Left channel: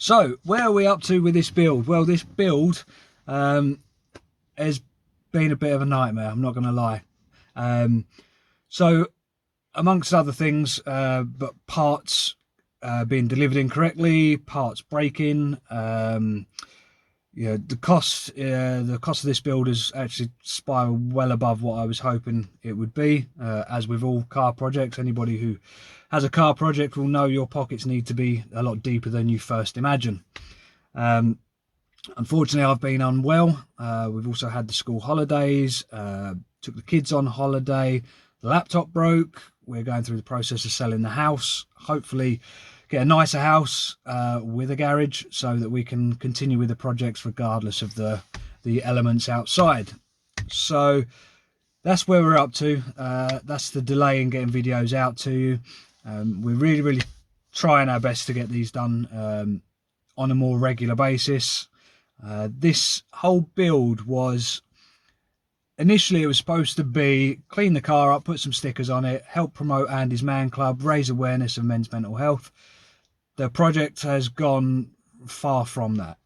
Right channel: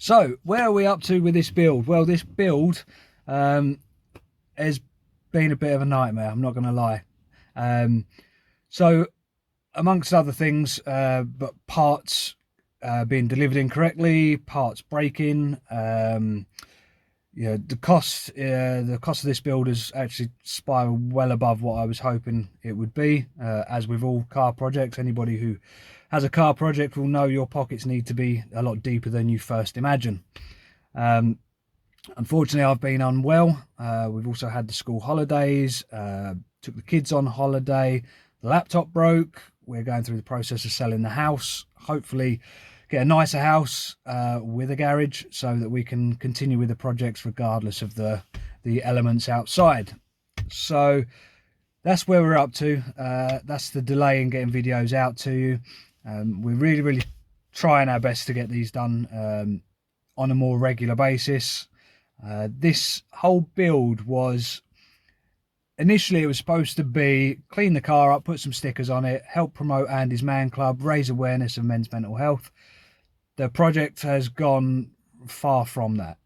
So where are we up to with this build? Well, this build has been a bit of a nightmare, I'm not going to lie. So amongst other things, but parts being delivered incorrectly, parts breaking, yeah, the cost of this build has actually spiraled well above what I was hoping it would be. As with all car projects, anybody who has a car project will know your pockets need to be a lot deeper than you first imagine. Unfortunately, I've been unwell. We've also had the school holidays, took the kids on holiday, the laptop broke. We're going through the process of selling the house, hopefully get a nicer house with a garage so that we can continue with the projects regardless of the elements outside. So that's where we're up to. That's the delay in getting videos out to you. We're really trying our best to get these done on a more regular basis. This whole build was initially, it was supposed to be clean the car up, put some stickers on it, help promote Andy's Man Club, raise awareness of men's mental health. The project has gone far from that.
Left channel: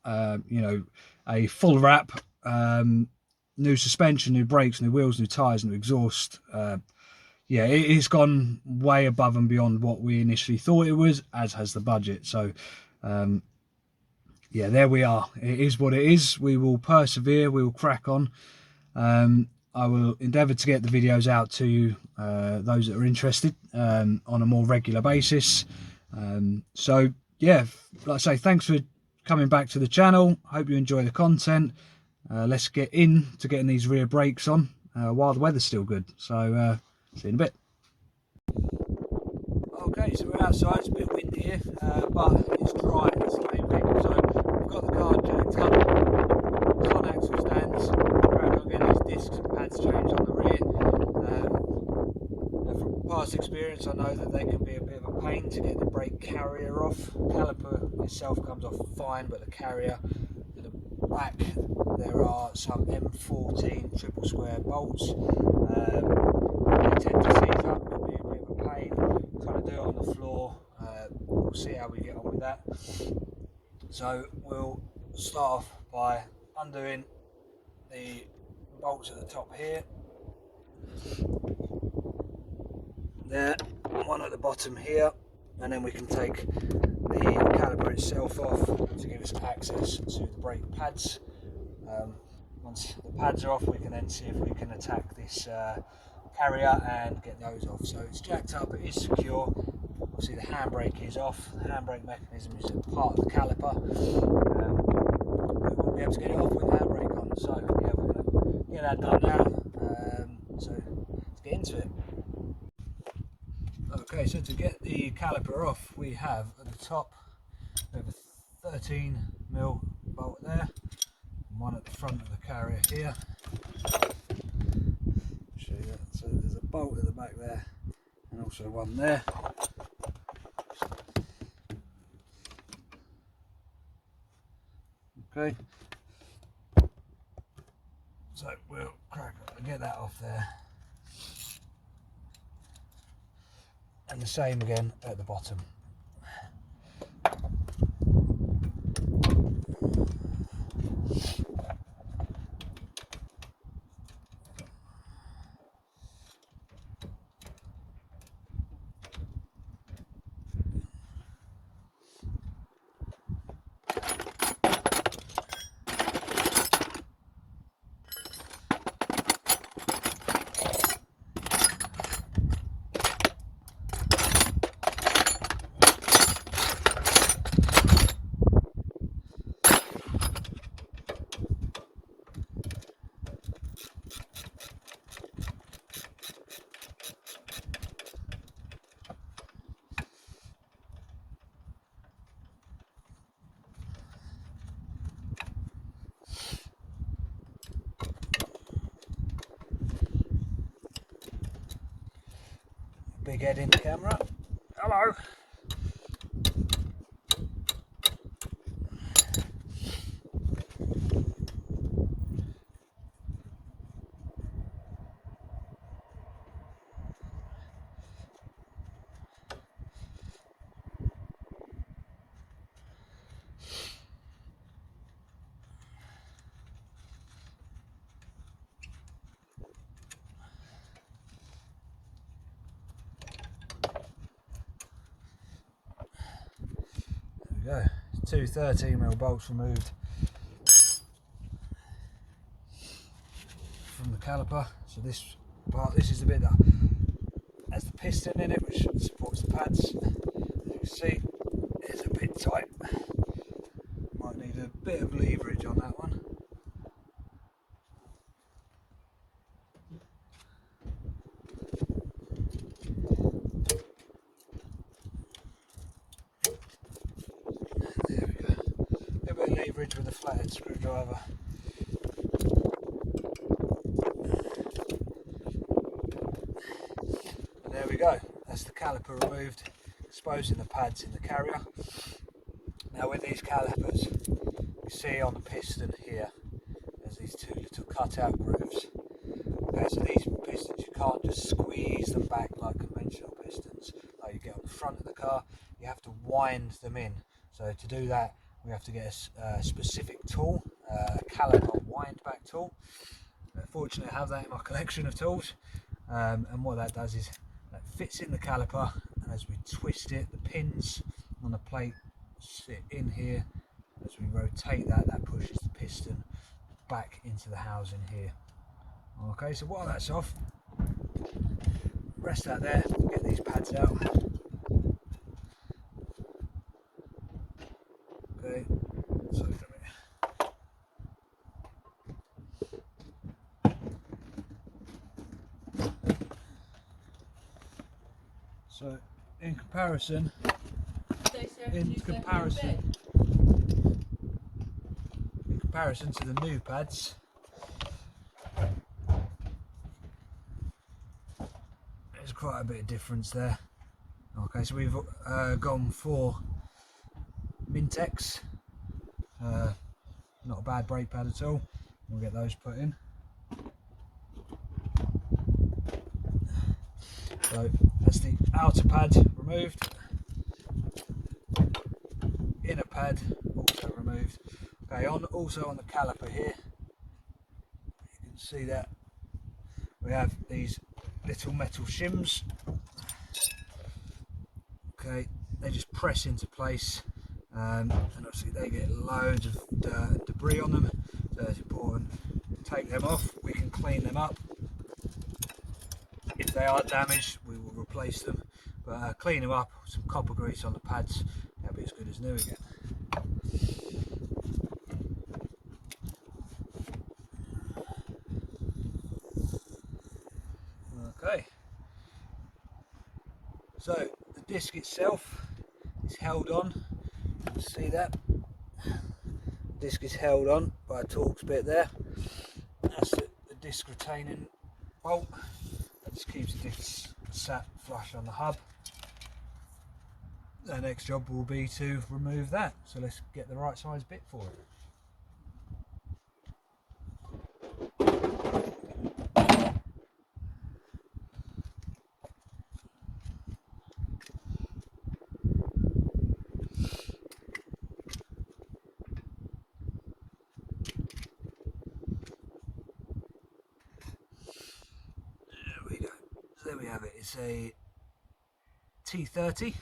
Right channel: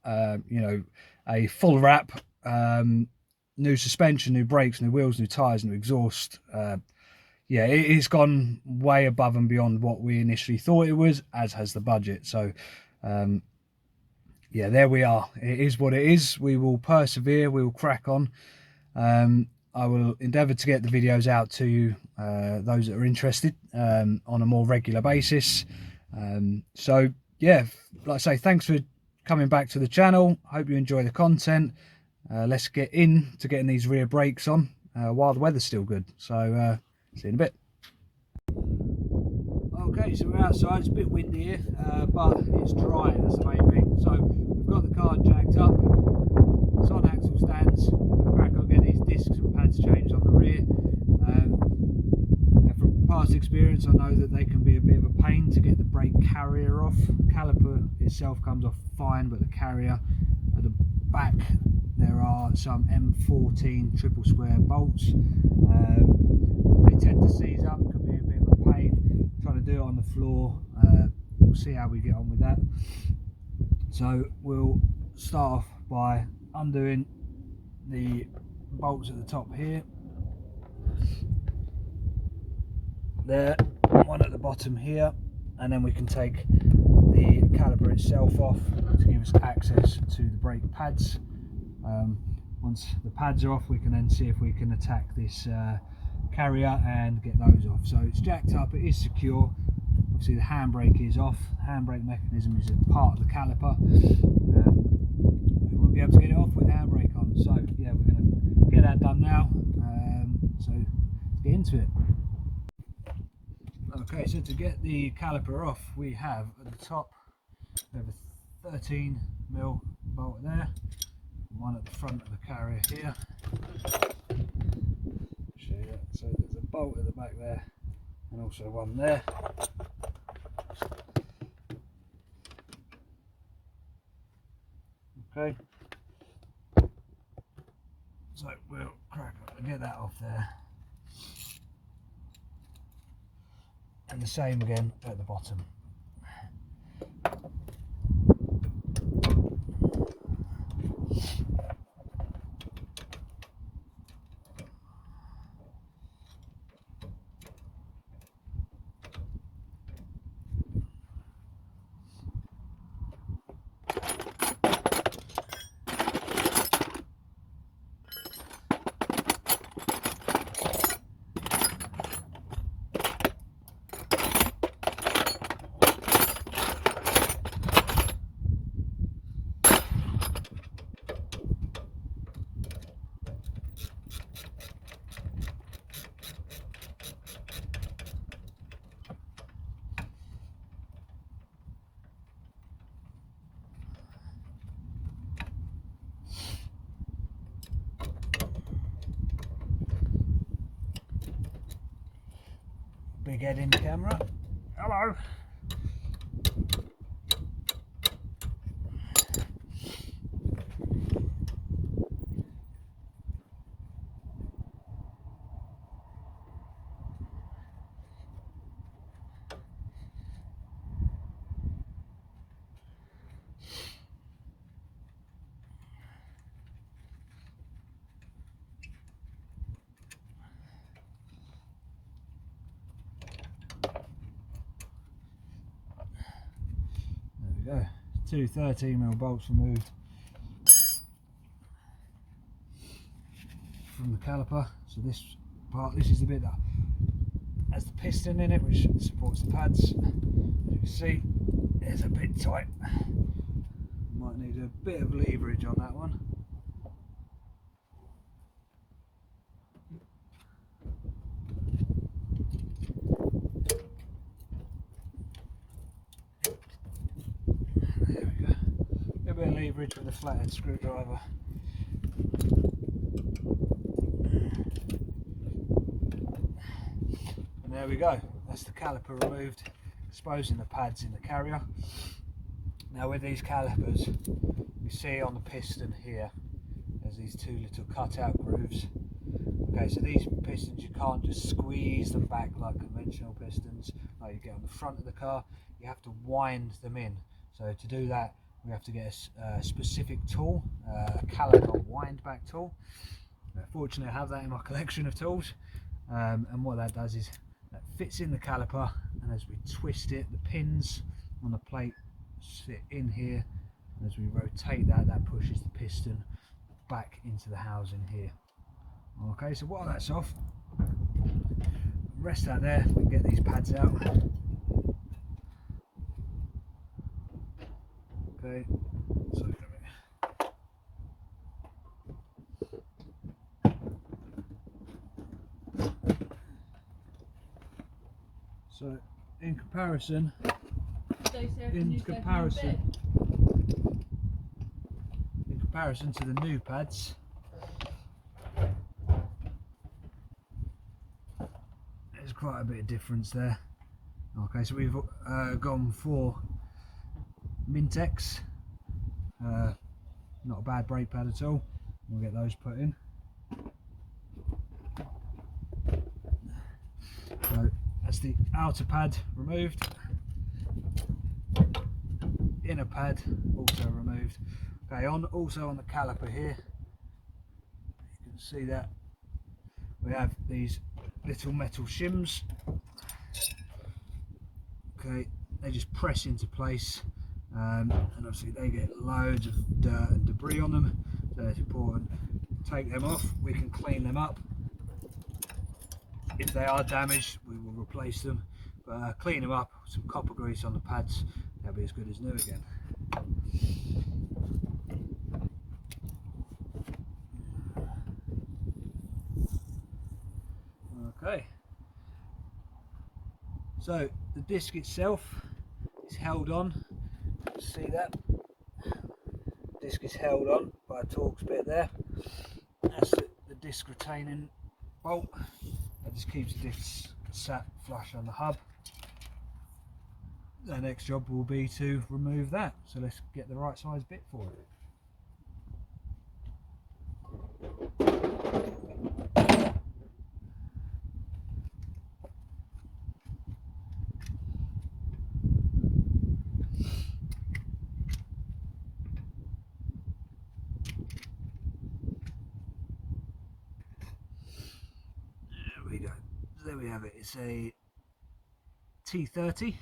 You know, a full wrap, new suspension, new brakes, new wheels, new tyres, new exhaust. Yeah, it's gone way above and beyond what we initially thought it was, as has the budget. So yeah, there we are. It is what it is. We will persevere, we will crack on. I will endeavour to get the videos out to you, those that are interested, on a more regular basis. So yeah, like I say, thanks for coming back to the channel. Hope you enjoy the content. Let's get into getting these rear brakes on while the weather's still good. So see you in a bit. Okay, so we're outside. It's a bit windy here, but it's dry. It's the main thing. So we've got the car jacked up. It's on axle stands. Crack on getting these discs and pads changed on the rear. From past experience, I know that they can be a bit of a pain to get the brake carrier off. Caliper itself comes off fine, but the carrier at the back, there are some M14 triple square bolts. They tend to seize up, can be a bit of a pain. Trying to do it on the floor. We'll see how we get on with that. So we'll start off by undoing the bolts at the top here. There, one at the bottom here, and then we can take the caliper itself off to give us access to the brake pads. Once the pads are off, we can then see if we can attack this carrier and get those off. So it's jacked up, it is secure. Obviously the handbrake is off. The handbrake mechanism is a part of the caliper. We won't be able to get it off with the handbrake on. So yeah, we're going to get that done now. So let's get into it. Okay, so to get the caliper off, we have at the top, we have a 13mm bolt there, and one at the front of the carrier here. Show you that. So there's a bolt at the back there, and also one there. Okay, so we'll crack up and get that off there. And the same again at the bottom. Big head in the camera. Hello. we go. Two 13mm bolts removed from the caliper. So this part, this is the bit that has the piston in it, which supports the pads. As you can see, it's a bit tight. Might need a bit of leverage on that one. There we go. A bit of leverage with a flathead screwdriver. And there we go. That's the caliper removed, exposing the pads in the carrier. Now with these calipers, you see on the piston here, there's these two little cutout grooves. Okay, so these pistons, you can't just squeeze them back like conventional pistons, like you get on the front of the car. You have to wind them in. So to do that, we have to get a specific tool, a caliper wind back tool. Fortunately, I have that in my collection of tools. And what that does is that fits in the caliper, and as we twist it, the pins on the plate sit in here. And as we rotate that, that pushes the piston back into the housing here. Okay, so while that's off, rest that there, we can get these pads out. Okay, so in comparison to the new pads, there's quite a bit of difference there. Okay, so we've gone for MTECs, not a bad brake pad at all. We'll get those put in. So that's the outer pad removed, inner pad also removed. Okay, also on the caliper here, you can see that we have these little metal shims. Okay, they just press into place, and obviously they get loads of dirt and debris on them, so it's important to take them off. We can clean them up. If they are damaged, we will replace them, but clean them up with some copper grease on the pads, they'll be as good as new again. Okay, so the disc itself is held on. You see that? The disc is held on by a Torx bit there. That's the disc retaining bolt. That just keeps the disc sat flush on the hub. The next job will be to remove that. So let's get the right size bit for it. There we have it. It's a T30.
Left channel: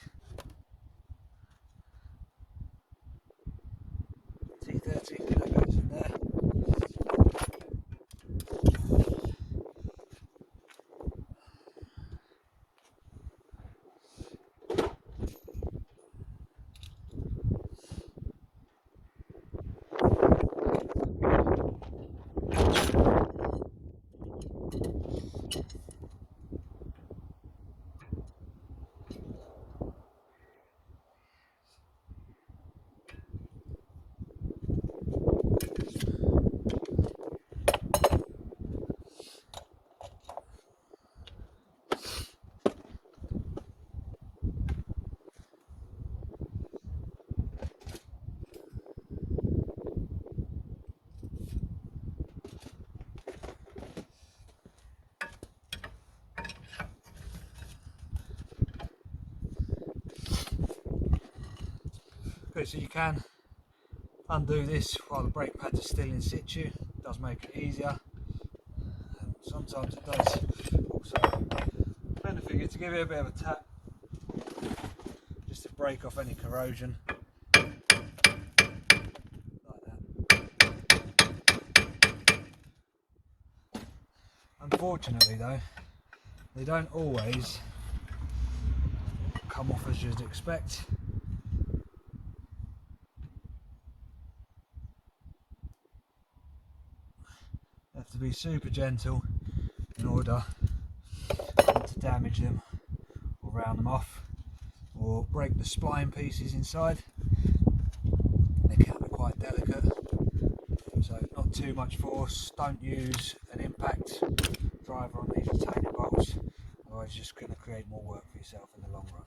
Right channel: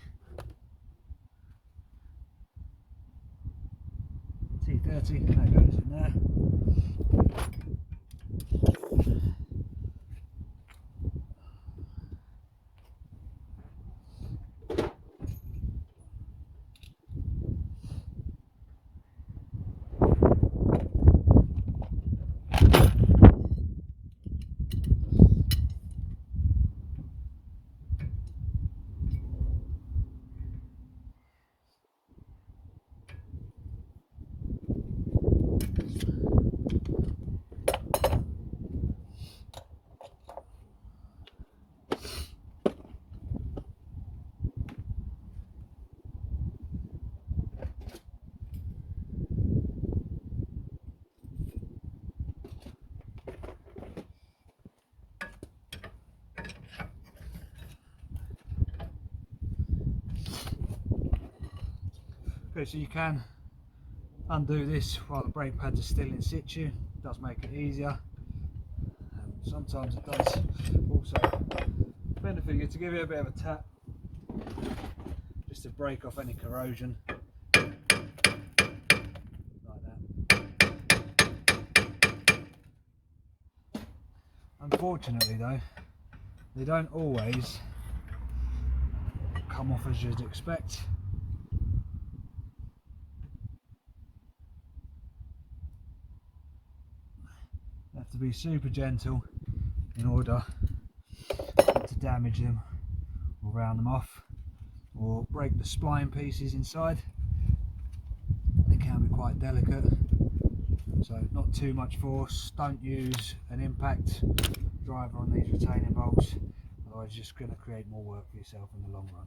That goes in there. Okay, so you can undo this while the brake pads are still in situ. It does make it easier, and sometimes it does also benefit you to give it a bit of a tap just to break off any corrosion. And Unfortunately though, they don't always come off as you'd expect. You have to be super gentle in order not to damage them or round them off or break the spline pieces inside. They can be quite delicate, so not too much force. Don't use an impact driver on these retaining bolts, otherwise you're just going to create more work for yourself in the long run.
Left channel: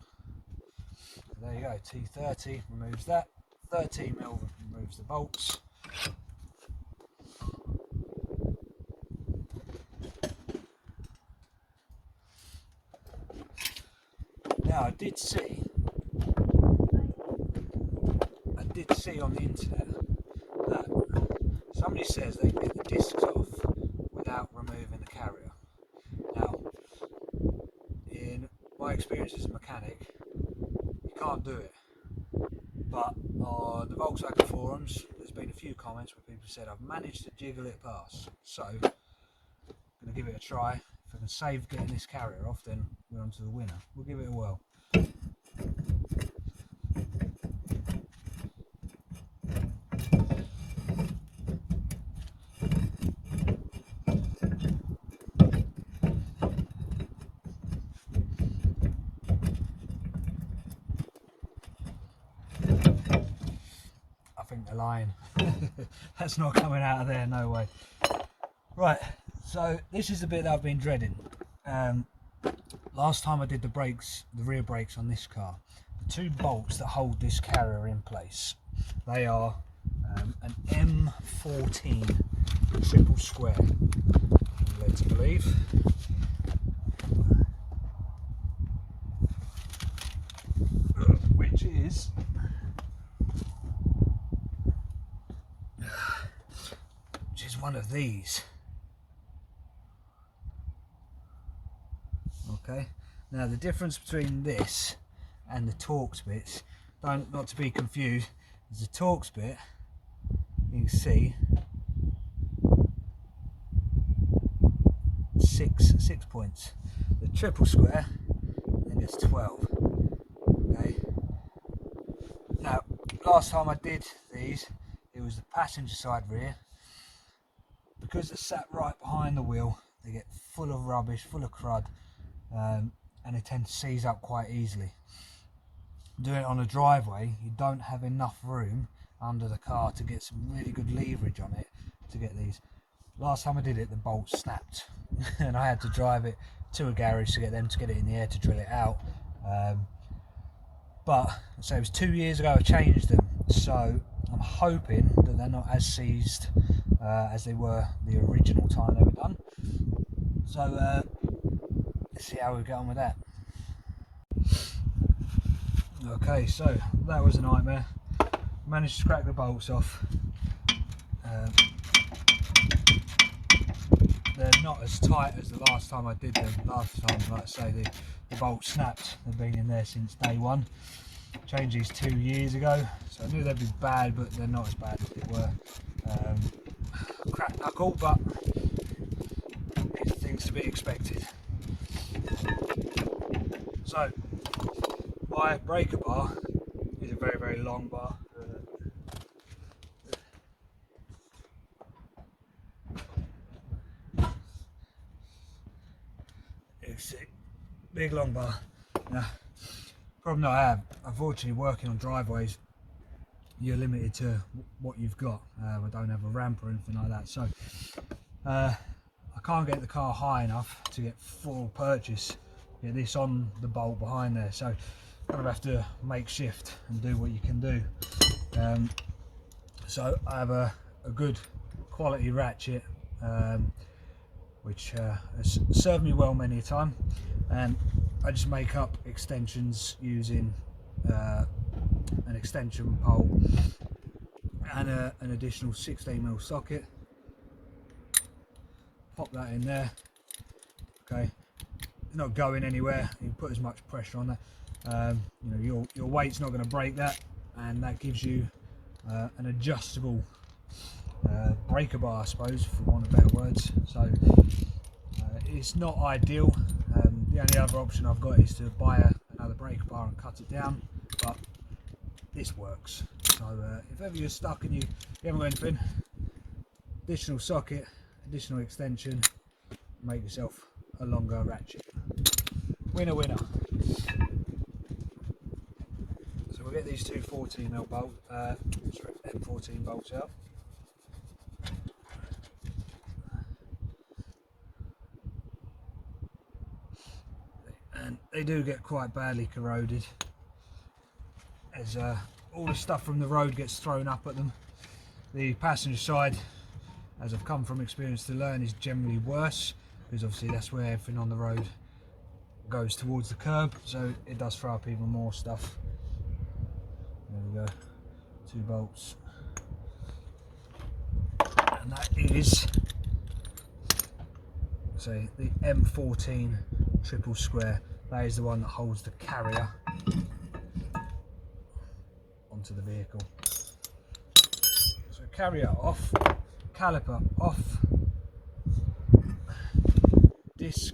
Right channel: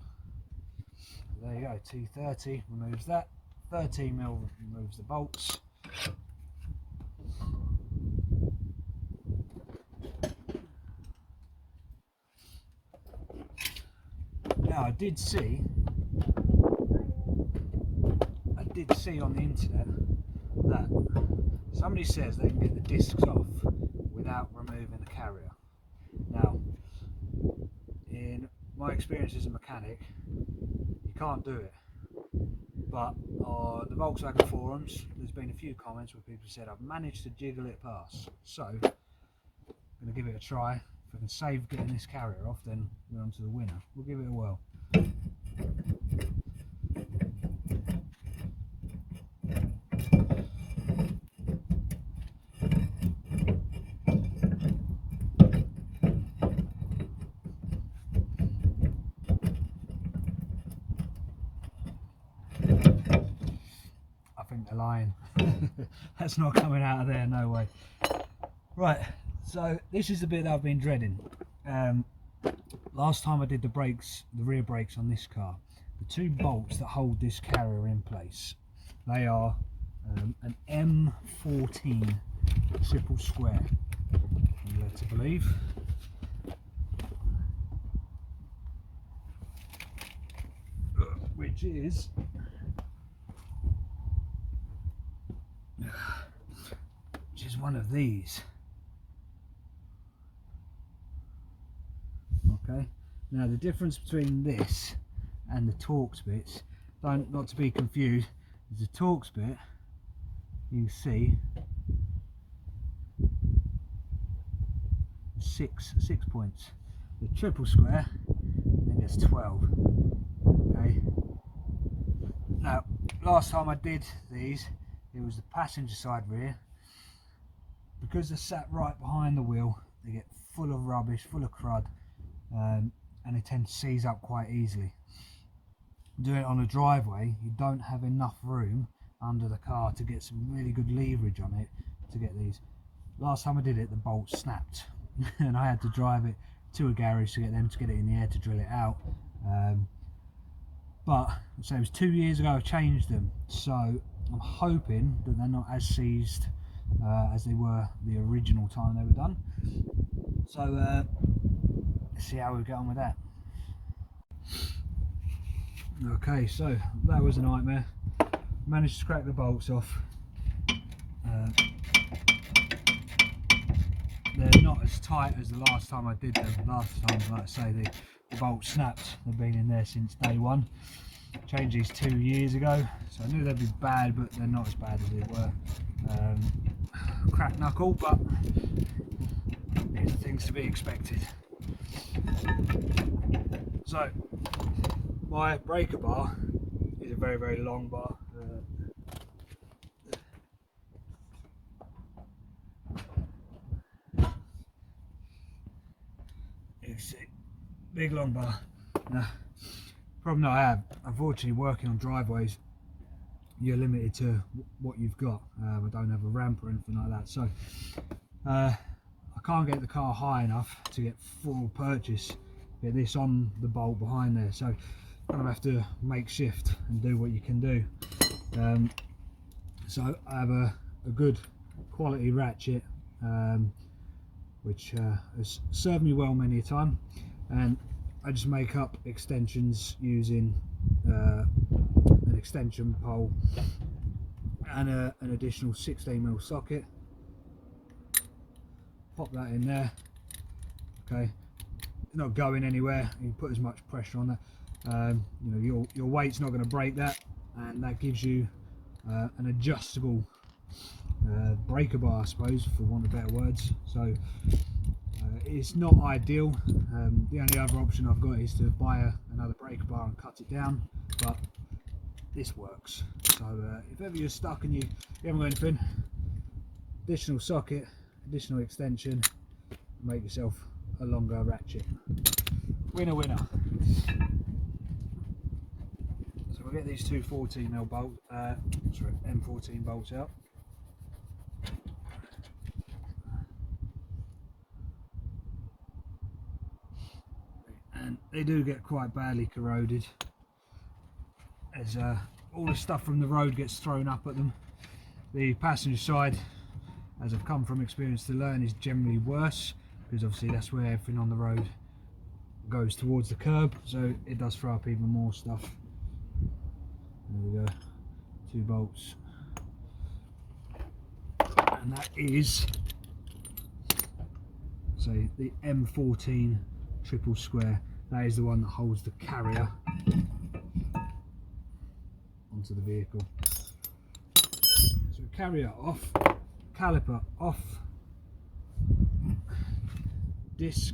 And there you go, T30 removes that, 13mm removes the bolts. Now I did see on the internet that somebody says they can get the discs off without removing the carrier. Now, in my experience as a mechanic, you can't do it. But on the Volkswagen forums, there's been a few comments where people said I've managed to jiggle it past. So, I'm going to give it a try. If I can save getting this carrier off, then we're on to the winner. We'll give it a whirl. The line that's not coming out of there, no way. Right, so this is the bit that I've been dreading. Last time I did the brakes, the rear brakes on this car, the two bolts that hold this carrier in place, they are an M14 triple square, I'm led to believe. Which is one of these. Okay, now the difference between this and the Torx bits, not to be confused, is the Torx bit, you can see six points. The triple square then gets 12. Okay, now last time I did these, it was the passenger side rear. Because they're sat right behind the wheel, they get full of rubbish, full of crud, and they tend to seize up quite easily. Doing it on a driveway, you don't have enough room under the car to get some really good leverage on it to get these. Last time I did it, the bolt snapped and I had to drive it to a garage to get them to get it in the air to drill it out. But so it was 2 years ago I changed them, so I'm hoping that they're not as seized as they were the original time they were done. So let's see how we get on with that. Okay, so that was a nightmare. Managed to crack the bolts off. They're not as tight as the last time I did them. Last time, like I say, the bolts snapped. They've been in there since day one. Changed these 2 years ago, so I knew they'd be bad, but they're not as bad as they were. Cracked knuckle, but these are things to be expected. So my breaker bar is a very, very long bar. You see, big long bar. Now, problem that I have, unfortunately, working on driveways, you're limited to what you've got. We don't have a ramp or anything like that, so I can't get the car high enough to get full purchase, get this on the bolt behind there, so kind of have to make shift and do what you can do. So I have a good quality ratchet, which has served me well many a time, and I just make up extensions using an extension pole and an additional 16mm socket. Pop that in there. Okay, it's not going anywhere. You put as much pressure on that. You know, your weight's not going to break that, and that gives you an adjustable breaker bar, I suppose, for want of better words. So it's not ideal. The only other option I've got is to buy another breaker bar and cut it down, but this works. So if ever you're stuck and you haven't got anything, additional socket, additional extension, make yourself a longer ratchet. Winner, winner. So we'll get these two 14mm M14 bolts out. And they do get quite badly corroded, as all the stuff from the road gets thrown up at them. The passenger side, as I've come from experience to learn, is generally worse, because obviously that's where everything on the road goes towards the curb, so it does throw up even more stuff. There we go, 2 bolts, and that is, say, the M14 triple square. That is the one that holds the carrier onto the vehicle. So carrier off, caliper off, disc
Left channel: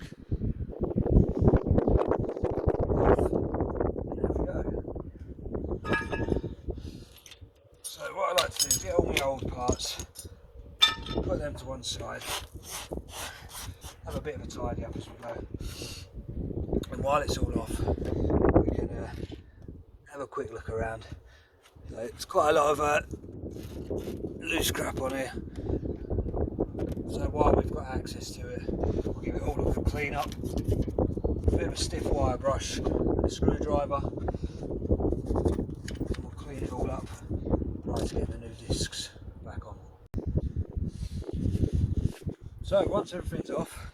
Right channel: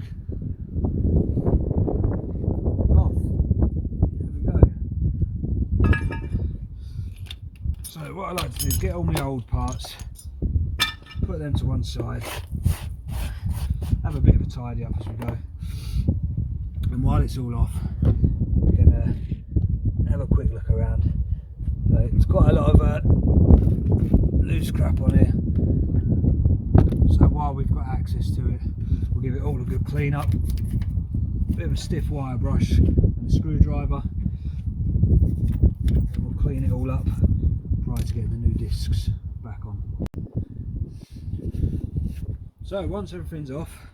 off. There we go. So what I like to do is get all my old parts, put them to one side, have a bit of a tidy up as we go, and while it's all off we can have a quick look around. So it's quite a lot of loose crap on here, so while we've got access to it, we'll give it all a good clean up, a bit of a stiff wire brush and a screwdriver, and we'll clean it all up prior to getting the new discs back on. So once everything's off,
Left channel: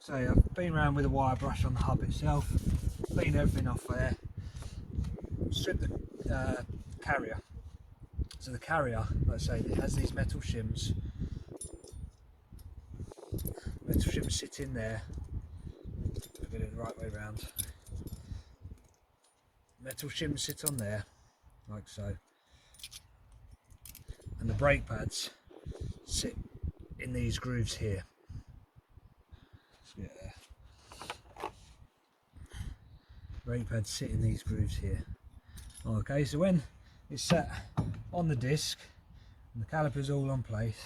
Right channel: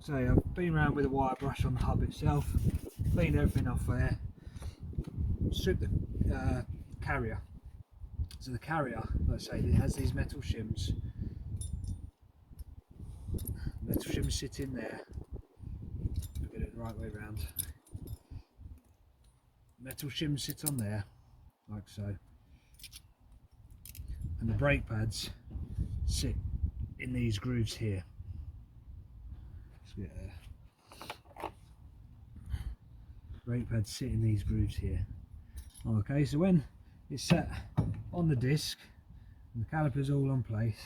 so I've been around with a wire brush on the hub itself, cleaned everything off there, stripped the carrier. So the carrier, let's say, it has these metal shims. Metal shims sit in there. Get it the right way around. Metal shims sit on there, like so. And the brake pads sit in these grooves here. Let's get there. Brake pads sit in these grooves here. Okay, so when it's set on the disc and the caliper's all on place,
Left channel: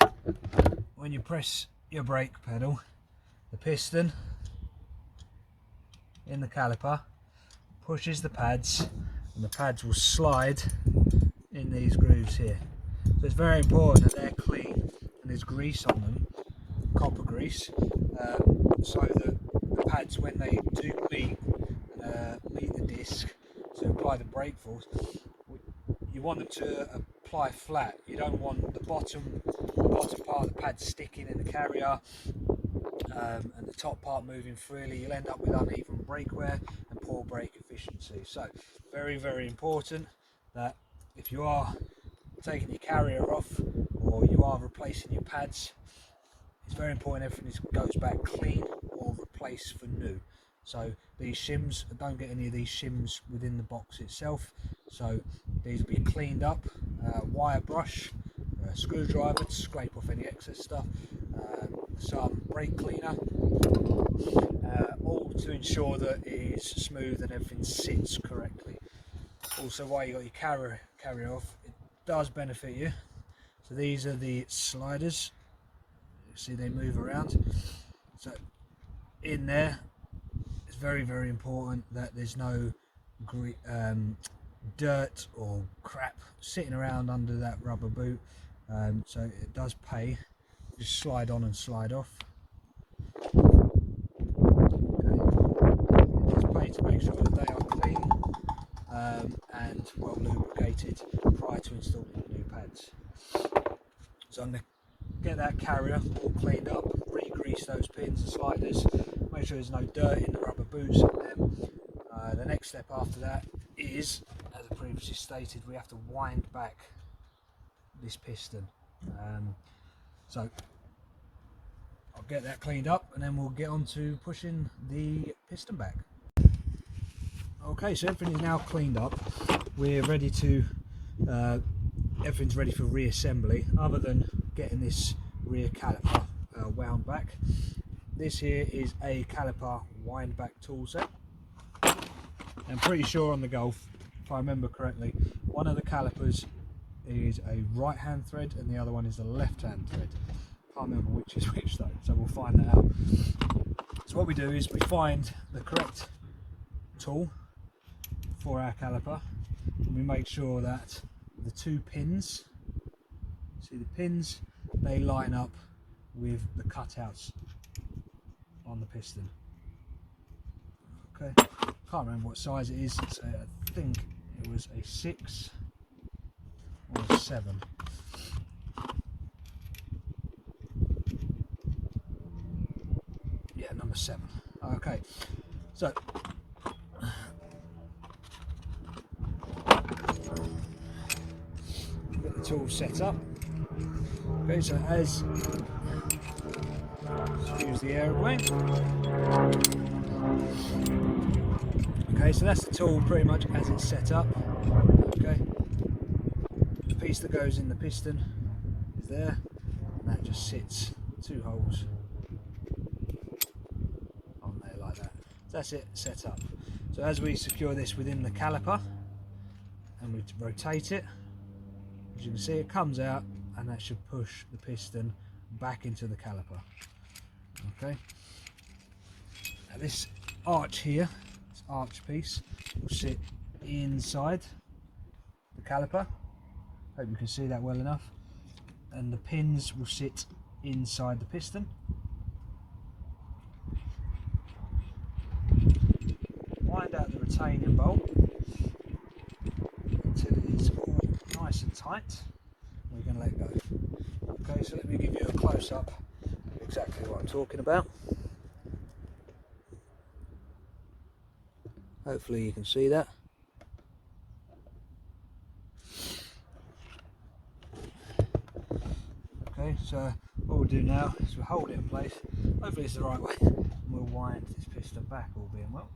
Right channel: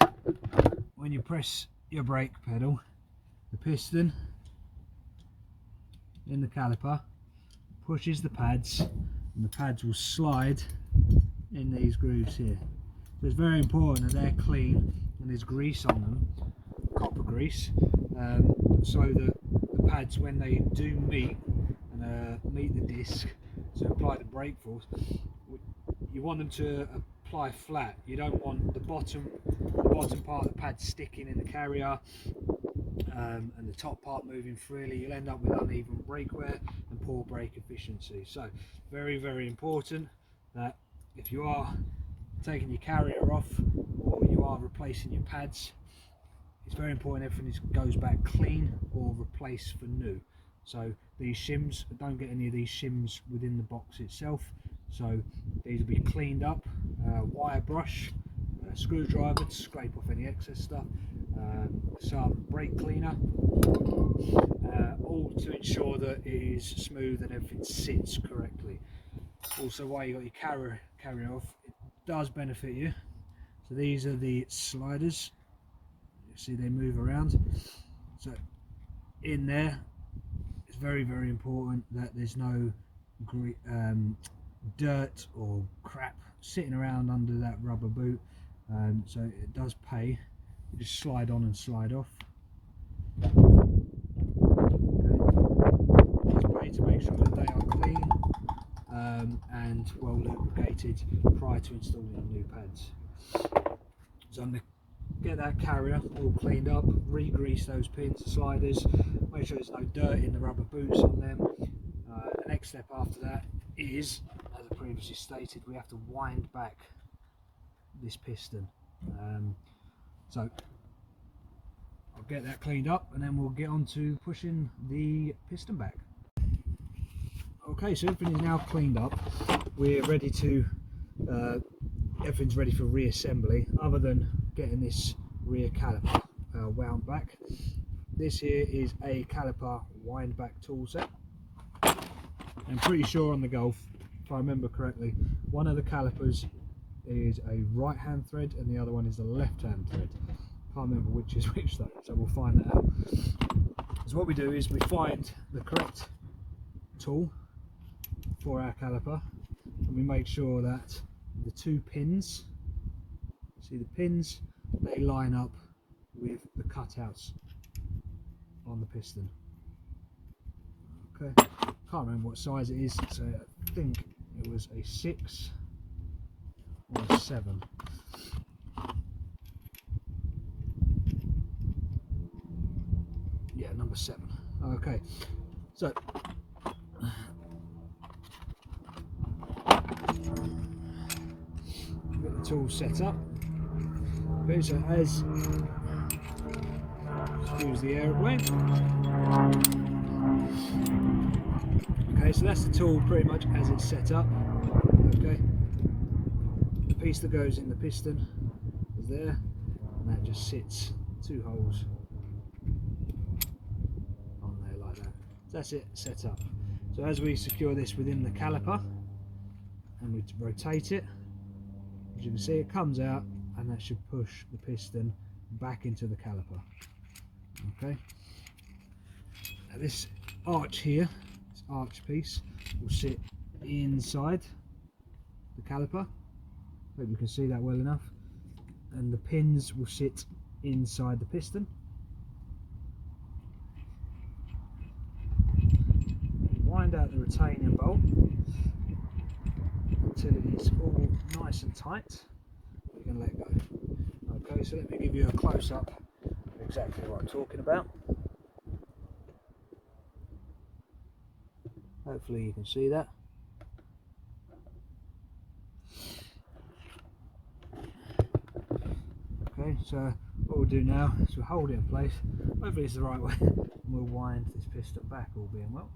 when you press your brake pedal, the piston in the caliper pushes the pads, and the pads will slide in these grooves here. So it's very important that they're clean and there's grease on them, copper grease, so that the pads, when they do meet the disc to apply the brake force, you want them to apply flat. You don't want the bottom part of the pad sticking in the carrier and the top part moving freely. You'll end up with uneven brake wear and poor brake efficiency. So very, very important that if you are taking your carrier off or you are replacing your pads, it's very important everything goes back clean or replaced for new. So these shims, don't get any of these shims within the box itself, so these will be cleaned up, wire brush, screwdriver to scrape off any excess stuff, some brake cleaner, all to ensure that it is smooth and everything sits correctly. Also, while you got your carrier off, it does benefit you. So these are the sliders, you see they move around. So in there, it's very, very important that there's no dirt or crap sitting around under that rubber boot, so it does pay. Just slide on and slide off. Okay. It does pay to make sure that they are clean and well lubricated prior to installing the new pads. So I'm going to get that carrier all cleaned up, re-grease those pins and sliders, make sure there's no dirt in the rubber boots on them. The next step after that is, as I previously stated, we have to wind back this piston. So I'll get that cleaned up and then we'll get on to pushing the piston back. Okay, so everything is now cleaned up. We're ready to, everything's ready for reassembly, other than getting this rear caliper wound back. this here is a caliper wind back tool set. I'm pretty sure on the Golf, if I remember correctly, one of the calipers is a right hand thread and the other one is the left hand thread. Can't remember which is which though, so we'll find that out. So what we do is we find the correct tool for our caliper and we make sure that the two pins, see the pins, they line up with the cutouts on the piston. Okay, can't remember what size it is, so I think it was a 6 or a 7. Yeah, number 7. Okay, so get the tool set up. Okay, so as use the aeroplane. Okay, so that's the tool pretty much as it's set up. Okay, the piece that goes in the piston is there, and that just sits 2 holes on there like that. So that's it set up. So as we secure this within the caliper and we rotate it, as you can see it comes out and that should push the piston back into the caliper. Okay, now this arch here, this arch piece, will sit inside the caliper. Hope you can see that well enough. And the pins will sit inside the piston. Wind out the retaining bolt until it is all nice and tight. We're going to let go. Okay, so let me give you a close-up of exactly what I'm talking about. Hopefully you can see that. Okay, so what we'll do now is we'll hold it in place. Hopefully it's the right way. And we'll wind this piston back, all being well.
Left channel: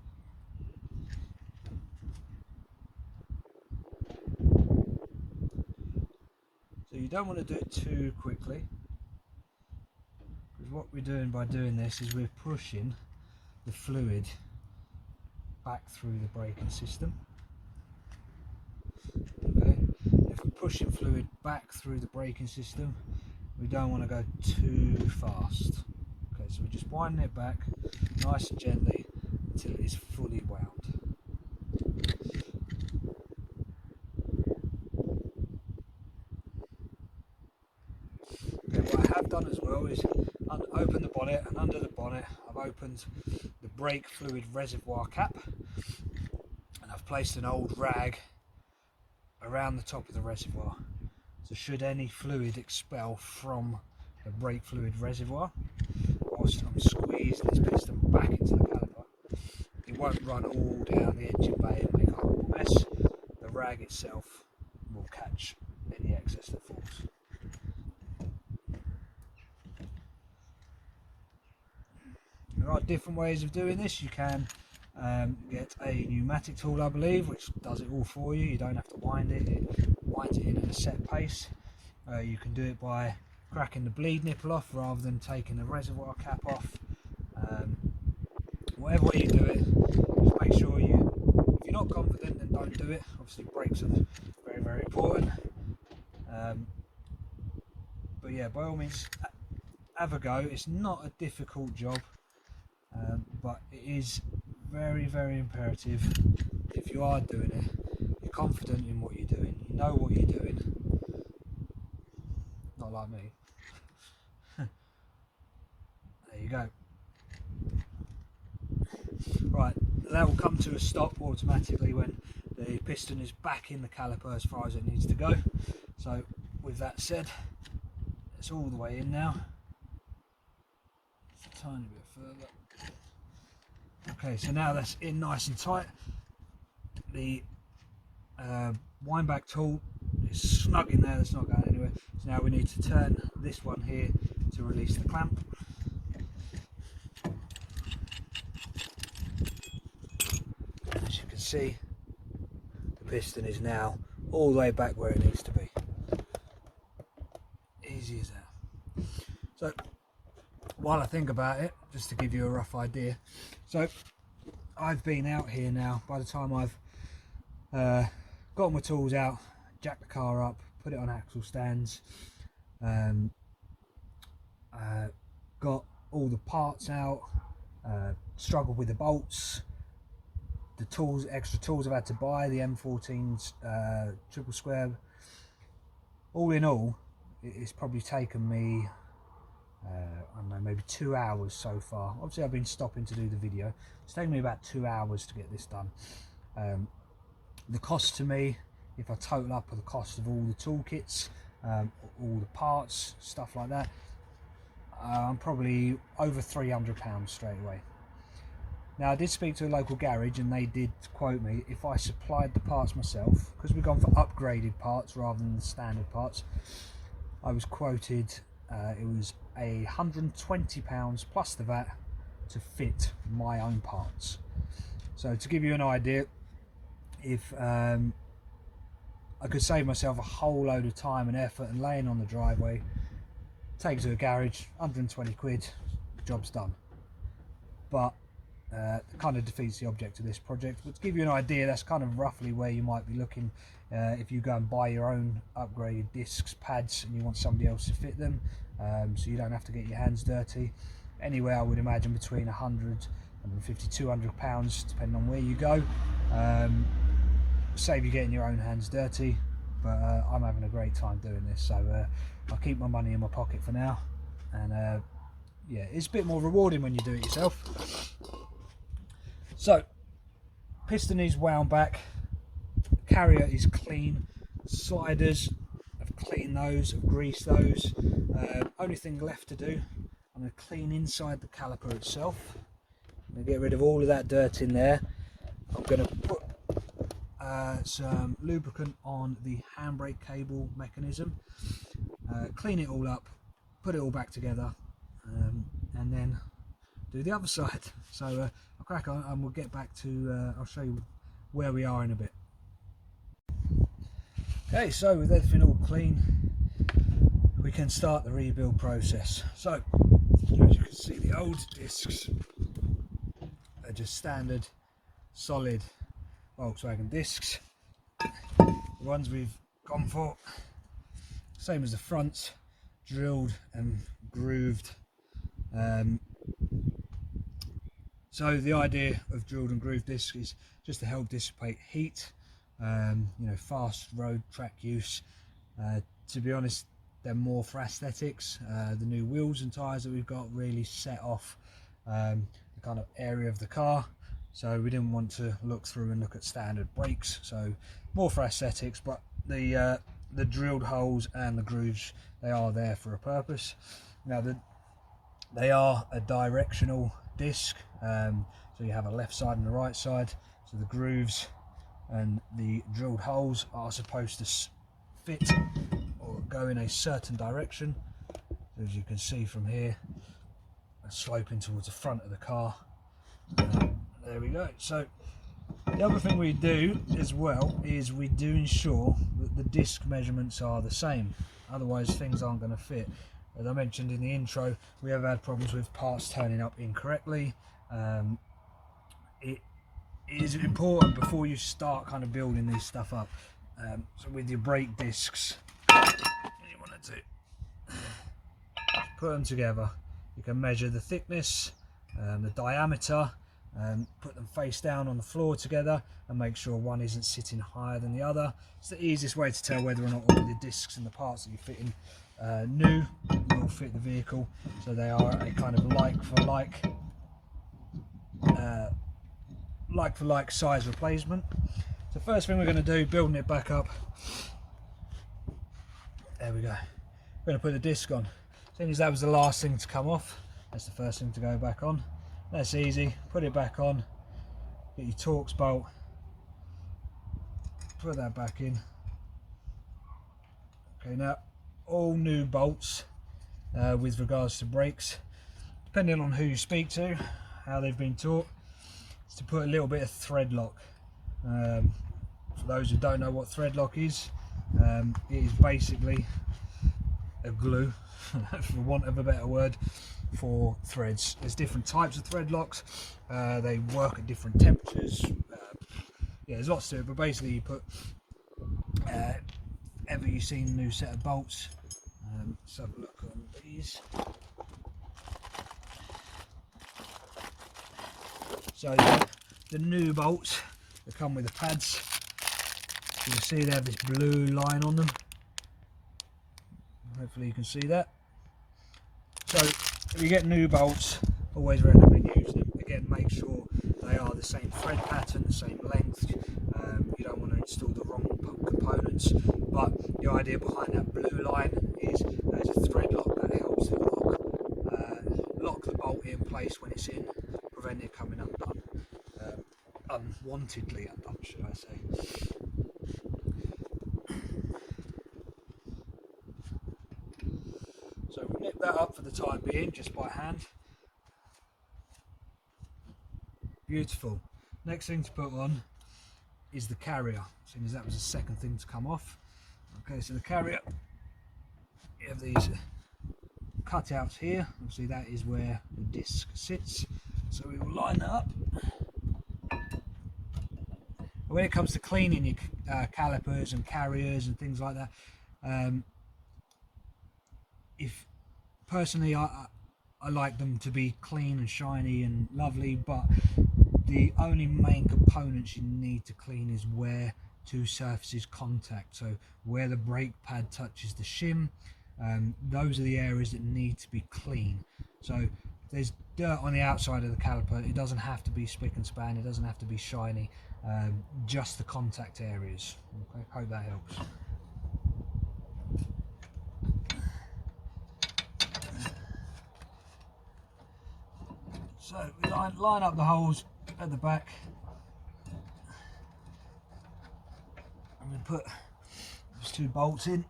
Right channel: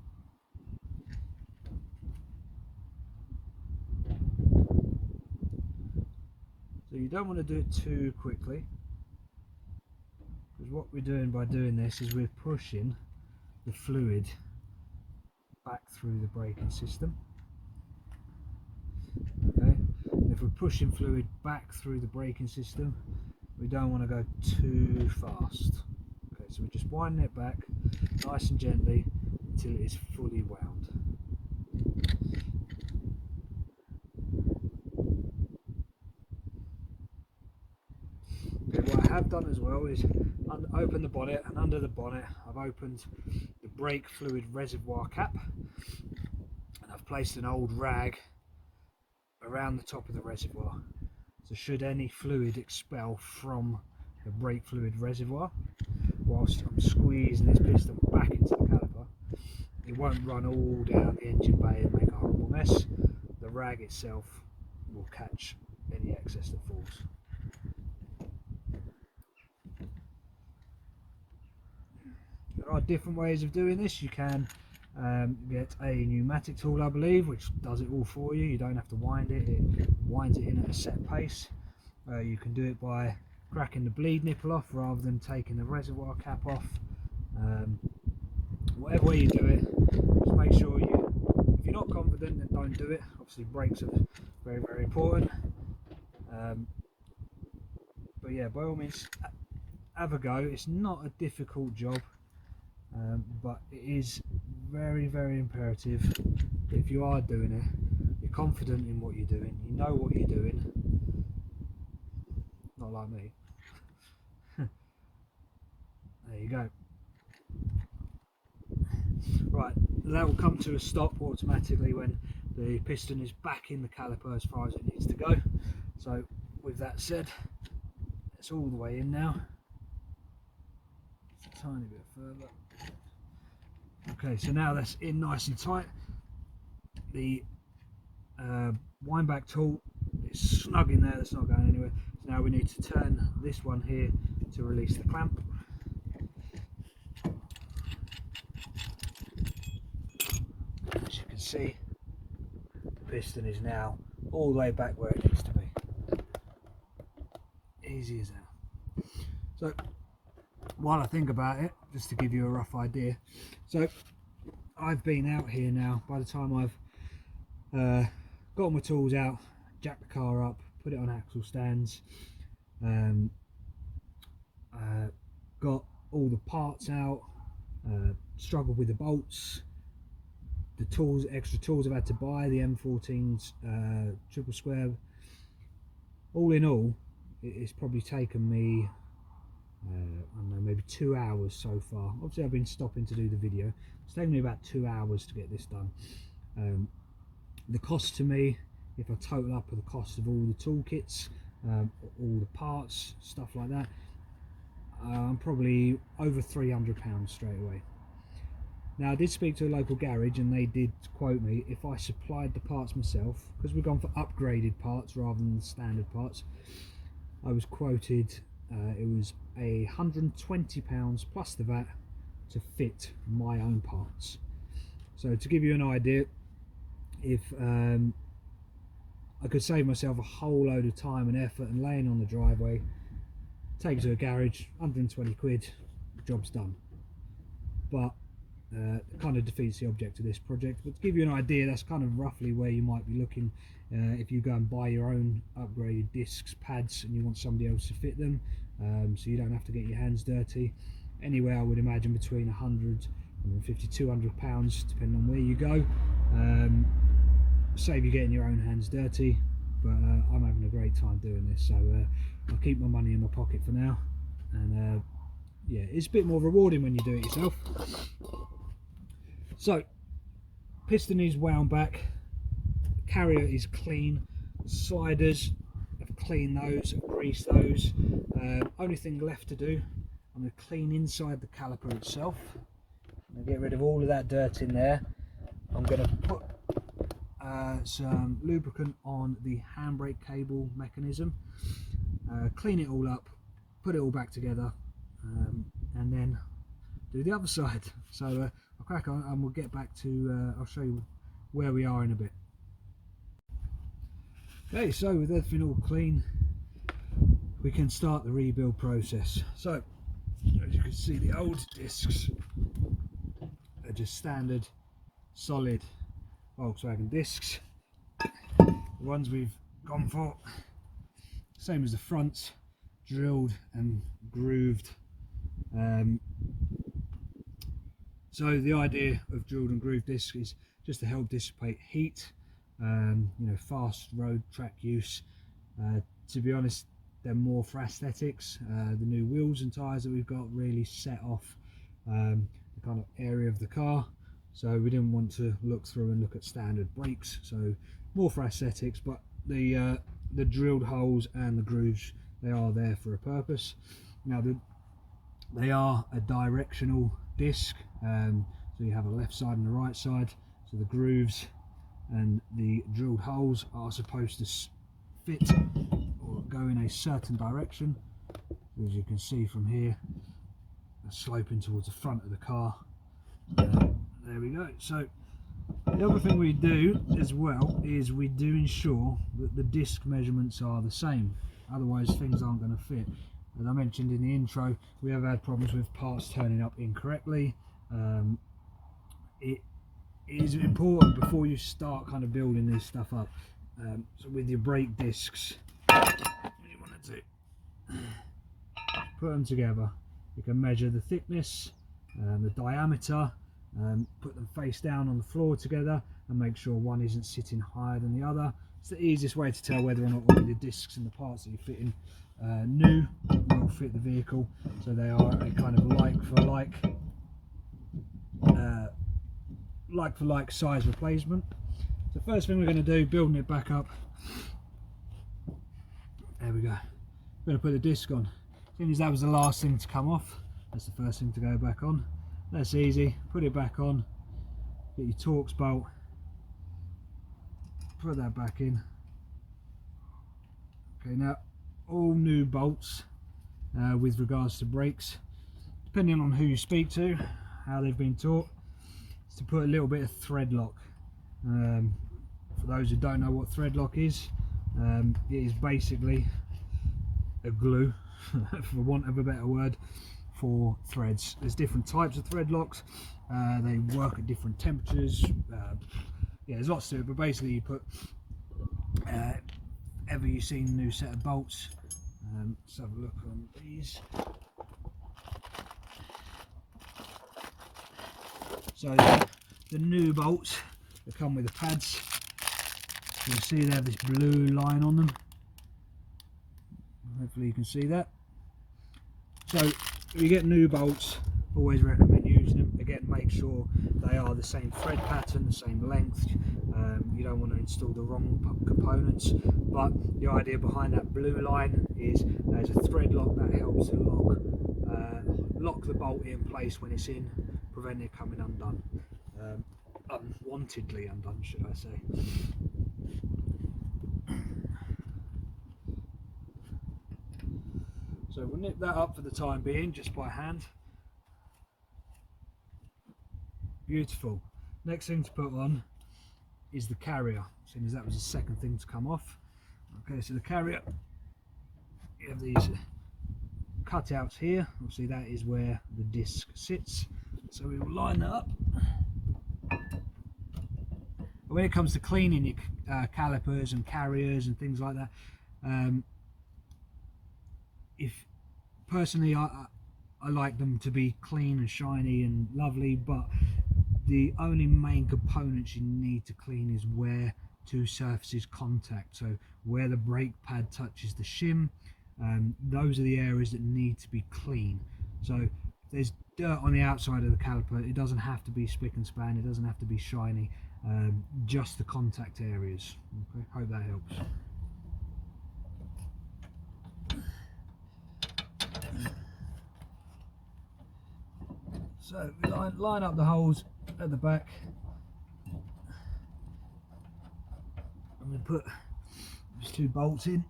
So you don't want to do it too quickly, because what we're doing by doing this is we're pushing the fluid back through the braking system. Okay, if we're pushing fluid back through the braking system, we don't want to go too fast. Okay, so we're just winding it back nice and gently until it is fully wound. Okay, what I have done as well is open the bonnet, and under the bonnet I've opened the brake fluid reservoir cap, and I've placed an old rag around the top of the reservoir. So should any fluid expel from the brake fluid reservoir whilst I'm squeezing this piston back into the caliper, it won't run all down the engine bay and make a horrible mess. The rag itself will catch any excess that falls. There are different ways of doing this. You can get a pneumatic tool, I believe, which does it all for you. You don't have to wind it, it winds it in at a set pace. You can do it by cracking the bleed nipple off rather than taking the reservoir cap off. Whatever way you do it, just make sure if you're not confident, then don't do it. Obviously brakes are very, very important. But yeah, by all means have a go. It's not a difficult job, but it is very, very imperative if you are doing it, you're confident in what you're doing, you know what you're doing. Not like me. There you go. Right, that will come to a stop automatically when the piston is back in the caliper as far as it needs to go. So with that said, it's all the way in now. Just a tiny bit further. Okay, so now that's in nice and tight. The wind back tool is snug in there, that's not going anywhere. So now we need to turn this one here to release the clamp. As you can see, the piston is now all the way back where it needs to be. Easy as that. So while I think about it, just to give you a rough idea. So I've been out here now. By the time I've got my tools out, jacked the car up, put it on axle stands, got all the parts out, struggled with the bolts, the tools, extra tools I've had to buy, the M14's triple square. All in all, it's probably taken me I don't know, maybe 2 hours so far. Obviously I've been stopping to do the video. It's taken me about 2 hours to get this done. The cost to me, if I total up the cost of all the toolkits, all the parts, stuff like that, I'm probably over £300 straight away. Now I did speak to a local garage and they did quote me, if I supplied the parts myself, because we've gone for upgraded parts rather than the standard parts, I was quoted, it was £120 plus the VAT to fit my own parts. So to give you an idea, if I could save myself a whole load of time and effort and laying on the driveway, take it to a garage, 120 quid, job's done. But it kind of defeats the object of this project. But to give you an idea, that's kind of roughly where you might be looking if you go and buy your own upgraded discs, pads, and you want somebody else to fit them, so you don't have to get your hands dirty. Anywhere I would imagine between 100 and 200 pounds, depending on where you go. Save you getting your own hands dirty, but I'm having a great time doing this, so I'll keep my money in my pocket for now. And yeah, it's a bit more rewarding when you do it yourself. So piston is wound back, carrier is clean, sliders, I've cleaned those, I've greased those. Only thing left to do, I'm going to clean inside the caliper itself. I'm going to get rid of all of that dirt in there. I'm going to put some lubricant on the handbrake cable mechanism, clean it all up, put it all back together, and then do the other side. So I'll crack on and we'll get back to, I'll show you where we are in a bit. Okay, so with everything all clean, we can start the rebuild process. So as you can see, the old discs are just standard solid Volkswagen discs. The ones we've gone for, same as the fronts, drilled and grooved. So the idea of drilled and grooved discs is just to help dissipate heat, you know, fast road track use. To be honest, they're more for aesthetics. The new wheels and tyres that we've got really set off the kind of area of the car, so we didn't want to look through and look at standard brakes, so more for aesthetics. But the drilled holes and the grooves, they are there for a purpose. Now they are a directional disc, so you have a left side and a right side, so the grooves and the drilled holes are supposed to fit or go in a certain direction. So as you can see from here, sloping towards the front of the car. There we go. So the other thing we do as well is we do ensure that the disc measurements are the same, otherwise things aren't going to fit. As I mentioned in the intro, we have had problems with parts turning up incorrectly. It is important before you start kind of building this stuff up. So with your brake discs, you want to put them together. You can measure the thickness, the diameter, put them face down on the floor together and make sure one isn't sitting higher than the other. It's the easiest way to tell whether or not all the discs and the parts that you're fitting new will fit the vehicle. So they are a kind of like for like size replacement. So first thing we're going to do, building it back up, there we go, we're going to put the disc on. Seeing as that was the last thing to come off, that's the first thing to go back on. That's easy. Put it back on, get your Torx bolt, put that back in. Okay, now all new bolts with regards to brakes, depending on who you speak to, how they've been taught, is to put a little bit of thread lock. For those who don't know what thread lock is, it is basically a glue, for want of a better word, for threads. There's different types of thread locks, they work at different temperatures. Yeah, there's lots to it, but basically you put ever you've seen a new set of bolts, let's have a look on these. So the new bolts, they come with the pads. You can see they have this blue line on them. Hopefully you can see that. So if you get new bolts, always recommend using them. Again, make sure they are the same thread pattern, the same length. You don't want to install the wrong components, but the idea behind that blue line is there's a thread lock that helps the lock the bolt in place when it's in, prevent it coming undone, unwantedly undone, should I say. So we'll nip that up for the time being, just by hand. Beautiful. Next thing to put on is the carrier, seeing as that was the second thing to come off. Okay, so the carrier, you have these cutouts here. Obviously that is where the disc sits. So we will line that up. When it comes to cleaning your calipers and carriers and things like that, if personally I like them to be clean and shiny and lovely, but the only main components you need to clean is where two surfaces contact. So where the brake pad touches the shim, those are the areas that need to be clean. So if there's dirt on the outside of the caliper, it doesn't have to be spick and span, it doesn't have to be shiny, just the contact areas. Okay, hope that helps. So we line up the holes at the back, and we put those two bolts in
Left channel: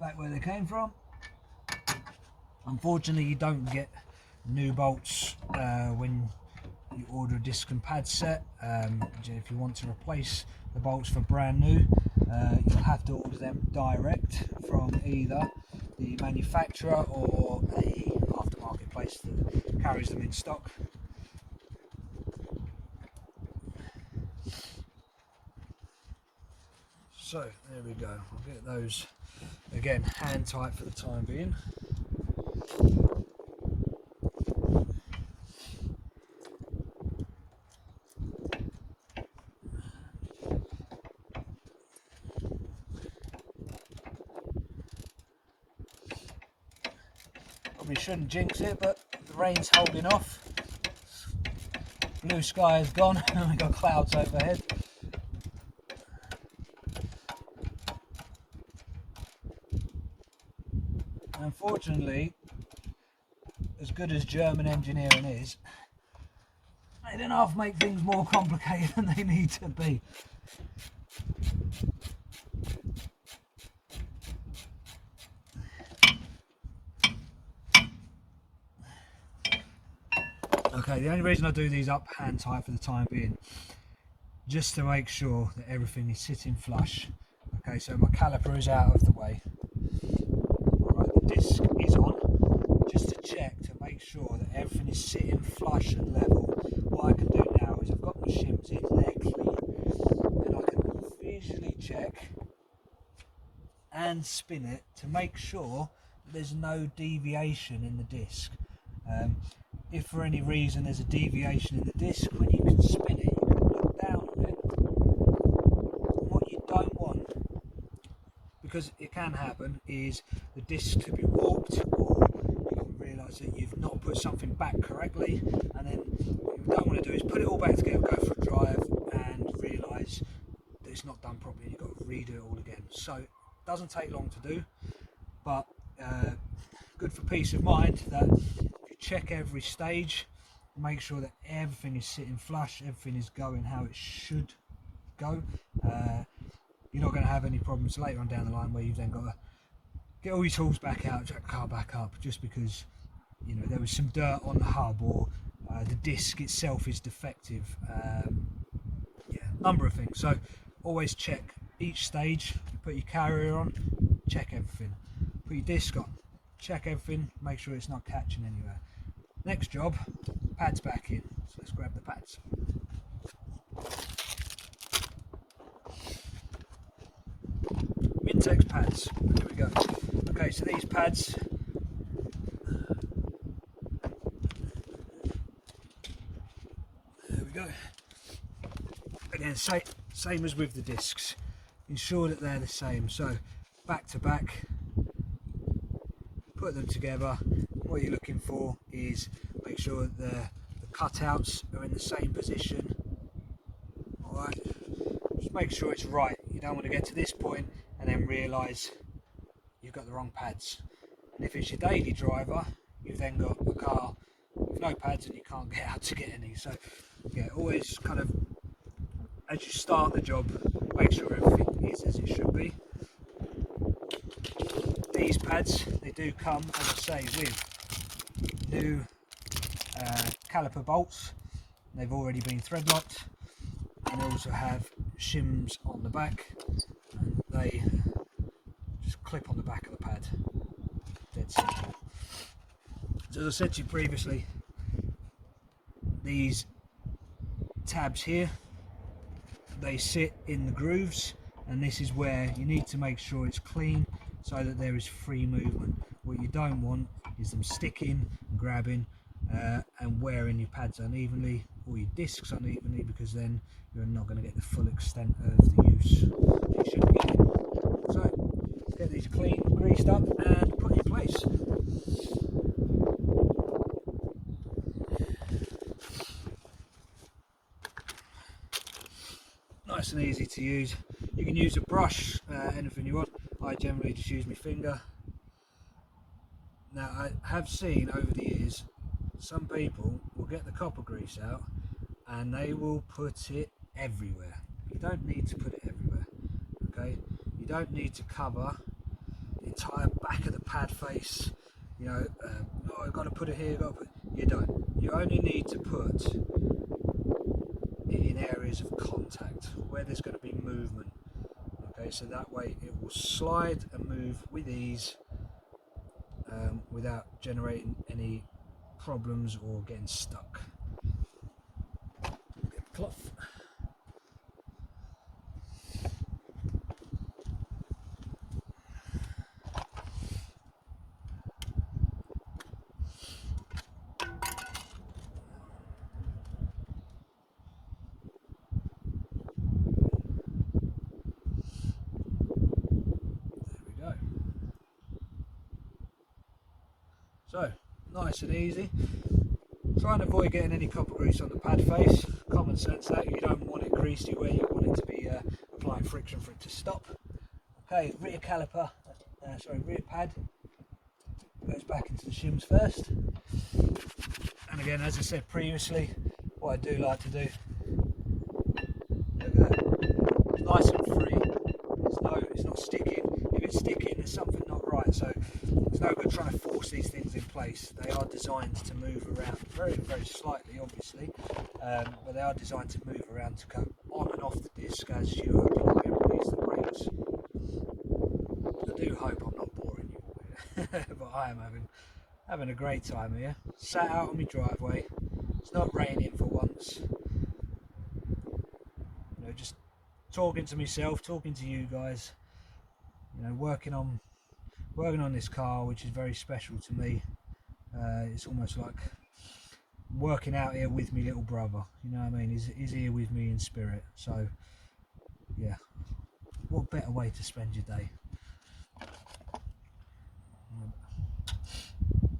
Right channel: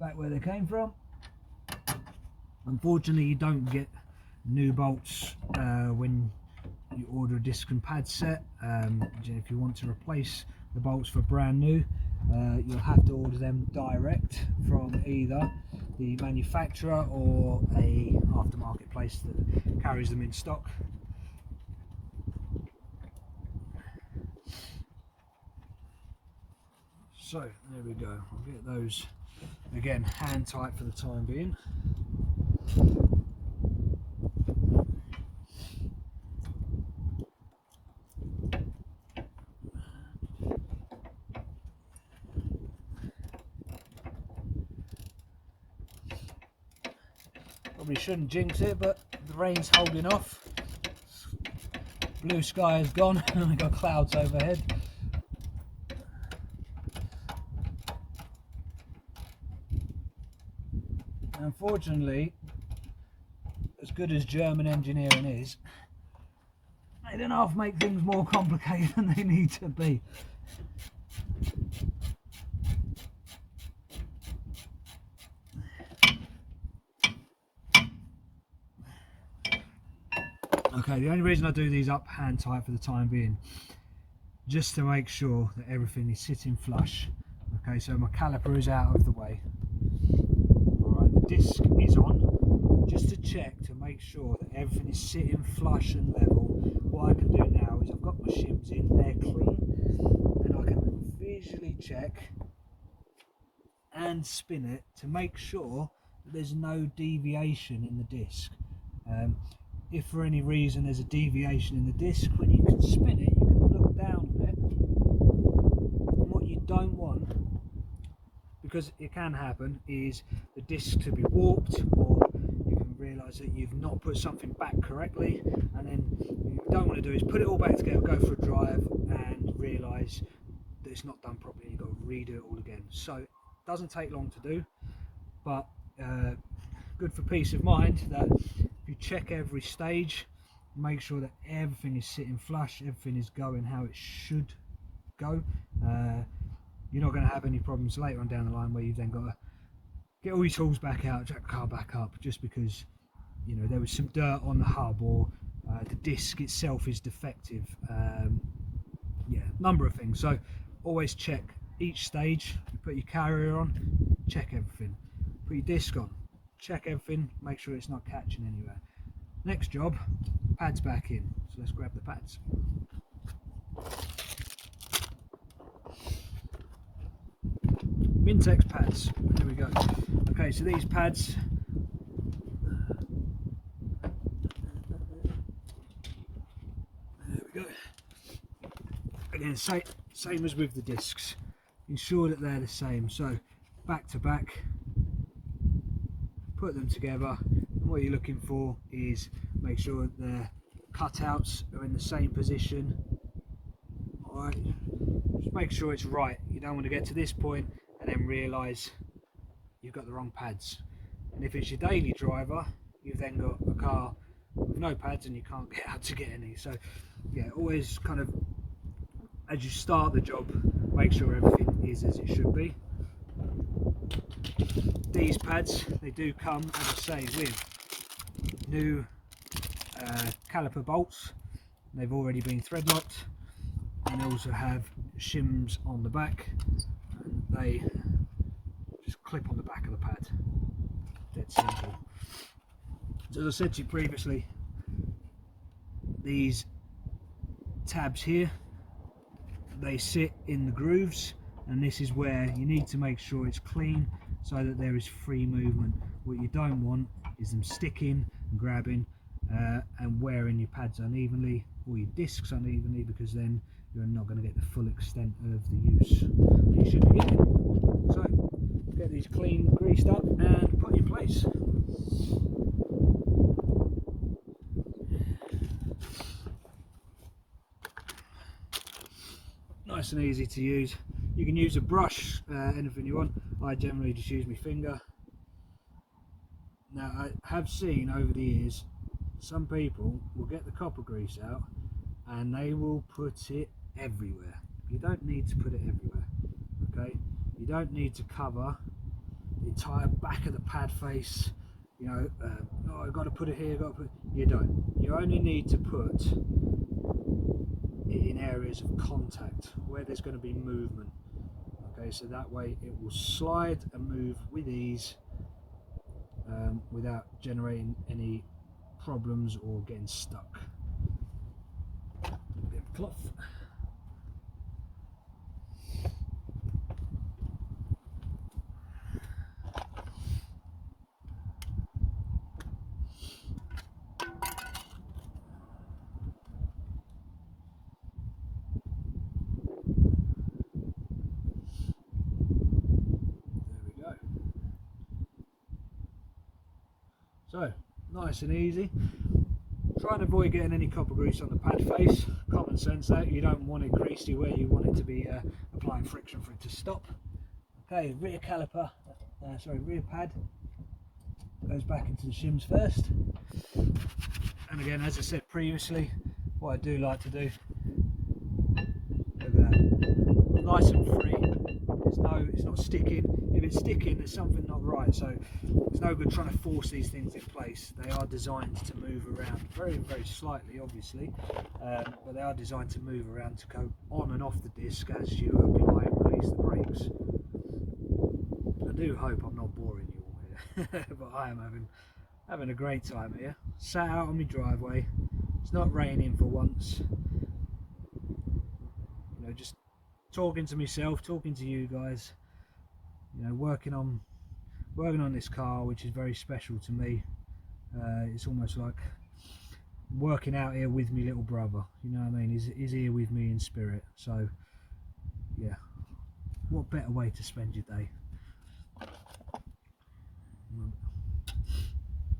back where they came from. Unfortunately, you don't get new bolts when you order a disc and pad set. If you want to replace the bolts for brand new, you'll have to order them direct from either the manufacturer or a aftermarket place that carries them in stock. So there we go, I'll get those again hand tight for the time being. Probably shouldn't jinx it, but the rain's holding off. Blue sky is gone and we've got clouds overhead. Unfortunately, as good as German engineering is, they don't half make things more complicated than they need to be. Okay, the only reason I do these up hand tight for the time being, just to make sure that everything is sitting flush. Okay, so my caliper is out of the way. Alright, the disc is on, just to check to make sure that everything is sitting flush and level. What I can do now is I've got my shims in there clean, and I can visually check and spin it to make sure that there's no deviation in the disc. If for any reason there's a deviation in the disc, when you can spin it, you can look down on it. And what you don't want, because it can happen, is the disc to be warped, or you can realise that you've not put something back correctly, and then what you don't want to do is put it all back together, go for a drive, and realise that it's not done properly. You've got to redo it all again. So it doesn't take long to do, but good for peace of mind that if you check every stage, make sure that everything is sitting flush, everything is going how it should go. You're not going to have any problems later on down the line where you've then got to get all your tools back out, jack the car back up, just because, you know, there was some dirt on the hub, or the disc itself is defective. Yeah, number of things. So always check each stage. You put your carrier on, check everything. Put your disc on, check everything, make sure it's not catching anywhere. Next job, pads back in. So let's grab the pads. MTEC pads, there we go. Okay, so these pads, there we go. Again, same as with the discs. Ensure that they're the same. So back to back, put them together. What you're looking for is make sure that the cutouts are in the same position. Alright, just make sure it's right. You don't want to get to this point and then realise you've got the wrong pads. And if it's your daily driver, you've then got a car with no pads and you can't get out to get any. So yeah, always kind of, as you start the job, make sure everything is as it should be. These pads, they do come, as I say, with new caliper bolts. They've already been thread locked, and they also have shims on the back, and they just clip on the back of the pad. Dead simple. So as I said to you previously, these tabs here, they sit in the grooves, and this is where you need to make sure it's clean so that there is free movement. What you don't want is them sticking and grabbing and wearing your pads unevenly or your discs unevenly, because then you're not going to get the full extent of the use you should be getting. So get these clean, greased up and put in place. Nice and easy to use. You can use a brush, anything you want. I generally just use my finger. Now I have seen over the years some people will get the copper grease out and they will put it everywhere. You don't need to put it everywhere, okay? You don't need to cover the entire back of the pad face, you know, oh, I've got to put it here, you don't. You only need to put it in areas of contact where there's going to be movement. Okay, so that way it will slide and move with ease without generating any problems or getting stuck. Cloth. So, nice and easy. Try and avoid getting any copper grease on the pad face. Common sense that, you don't want it greasy where you want it to be applying friction for it to stop. Okay, rear caliper, rear pad goes back into the shims first. And again, as I said previously, what I do like to do, look at that, it's nice and free. It's not sticking. If it's sticking, there's something not right. So it's no good trying to force these things in place. They are designed to move around very, very slightly, obviously, but they are designed to move around, to go on and off the disc as you apply and release the brakes. I do hope I'm not boring you all here, but I am having a great time here. Sat out on my driveway. It's not raining for once. You know, just talking to myself, talking to you guys, you know, working on this car, which is very special to me. It's almost like working out here with me little brother, you know what I mean? He's here with me in spirit. So yeah, what better way to spend your day?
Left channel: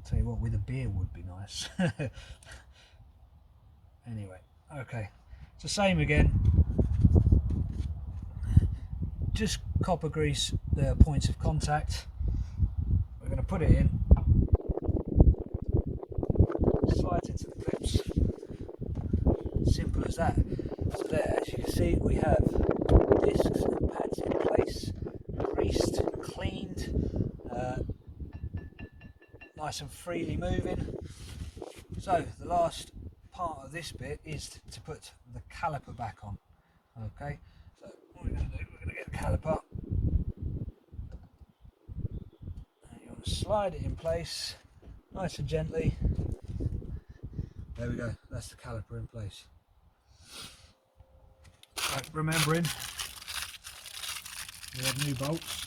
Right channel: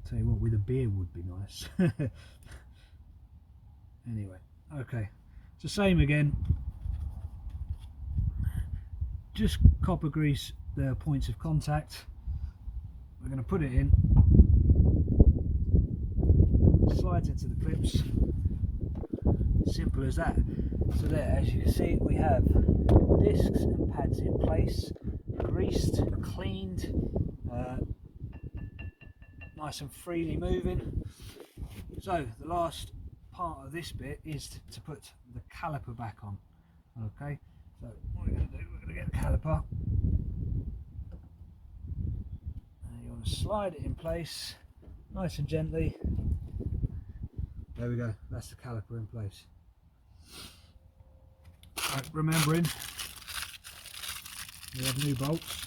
Tell you what, with a beer would be nice. Anyway, okay, it's the same again. Just copper grease the points of contact. We're going to put it in, slides into the clips, simple as that. So there, as you can see, we have discs and pads in place, greased, cleaned, nice and freely moving. So the last part of this bit is to put the caliper back on. Okay, so what we're going to do, we're going to get the caliper, and you want slide it in place nice and gently. There we go, that's the caliper in place. So remembering with new bolts.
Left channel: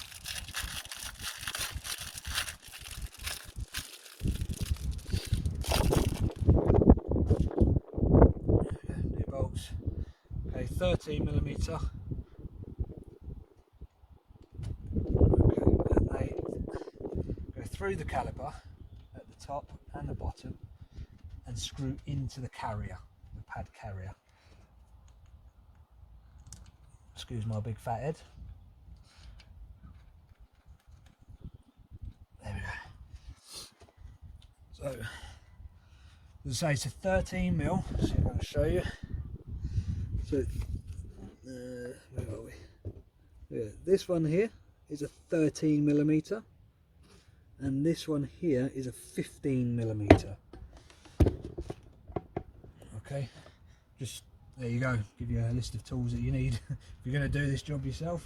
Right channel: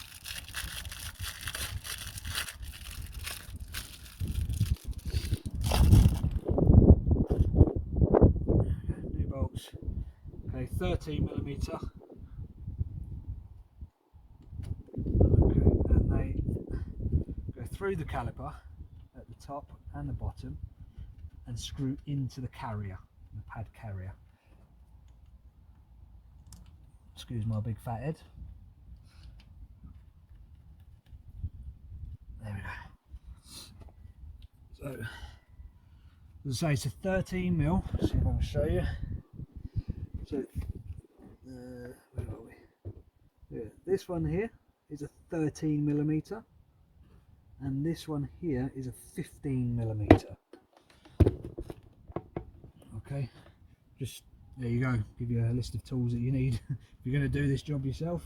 New bolts. Okay, 13mm. Okay, and they go through the caliper at the top and the bottom and screw into the carrier, the pad carrier. Excuse my big fat head. There we go. So, as I say, it's a 13mm. See if I can show you. So, where are we? Yeah, this one here is a 13mm, and this one here is a 15mm. Okay, just there you go. Give you a list of tools that you need if you're going to do this job yourself.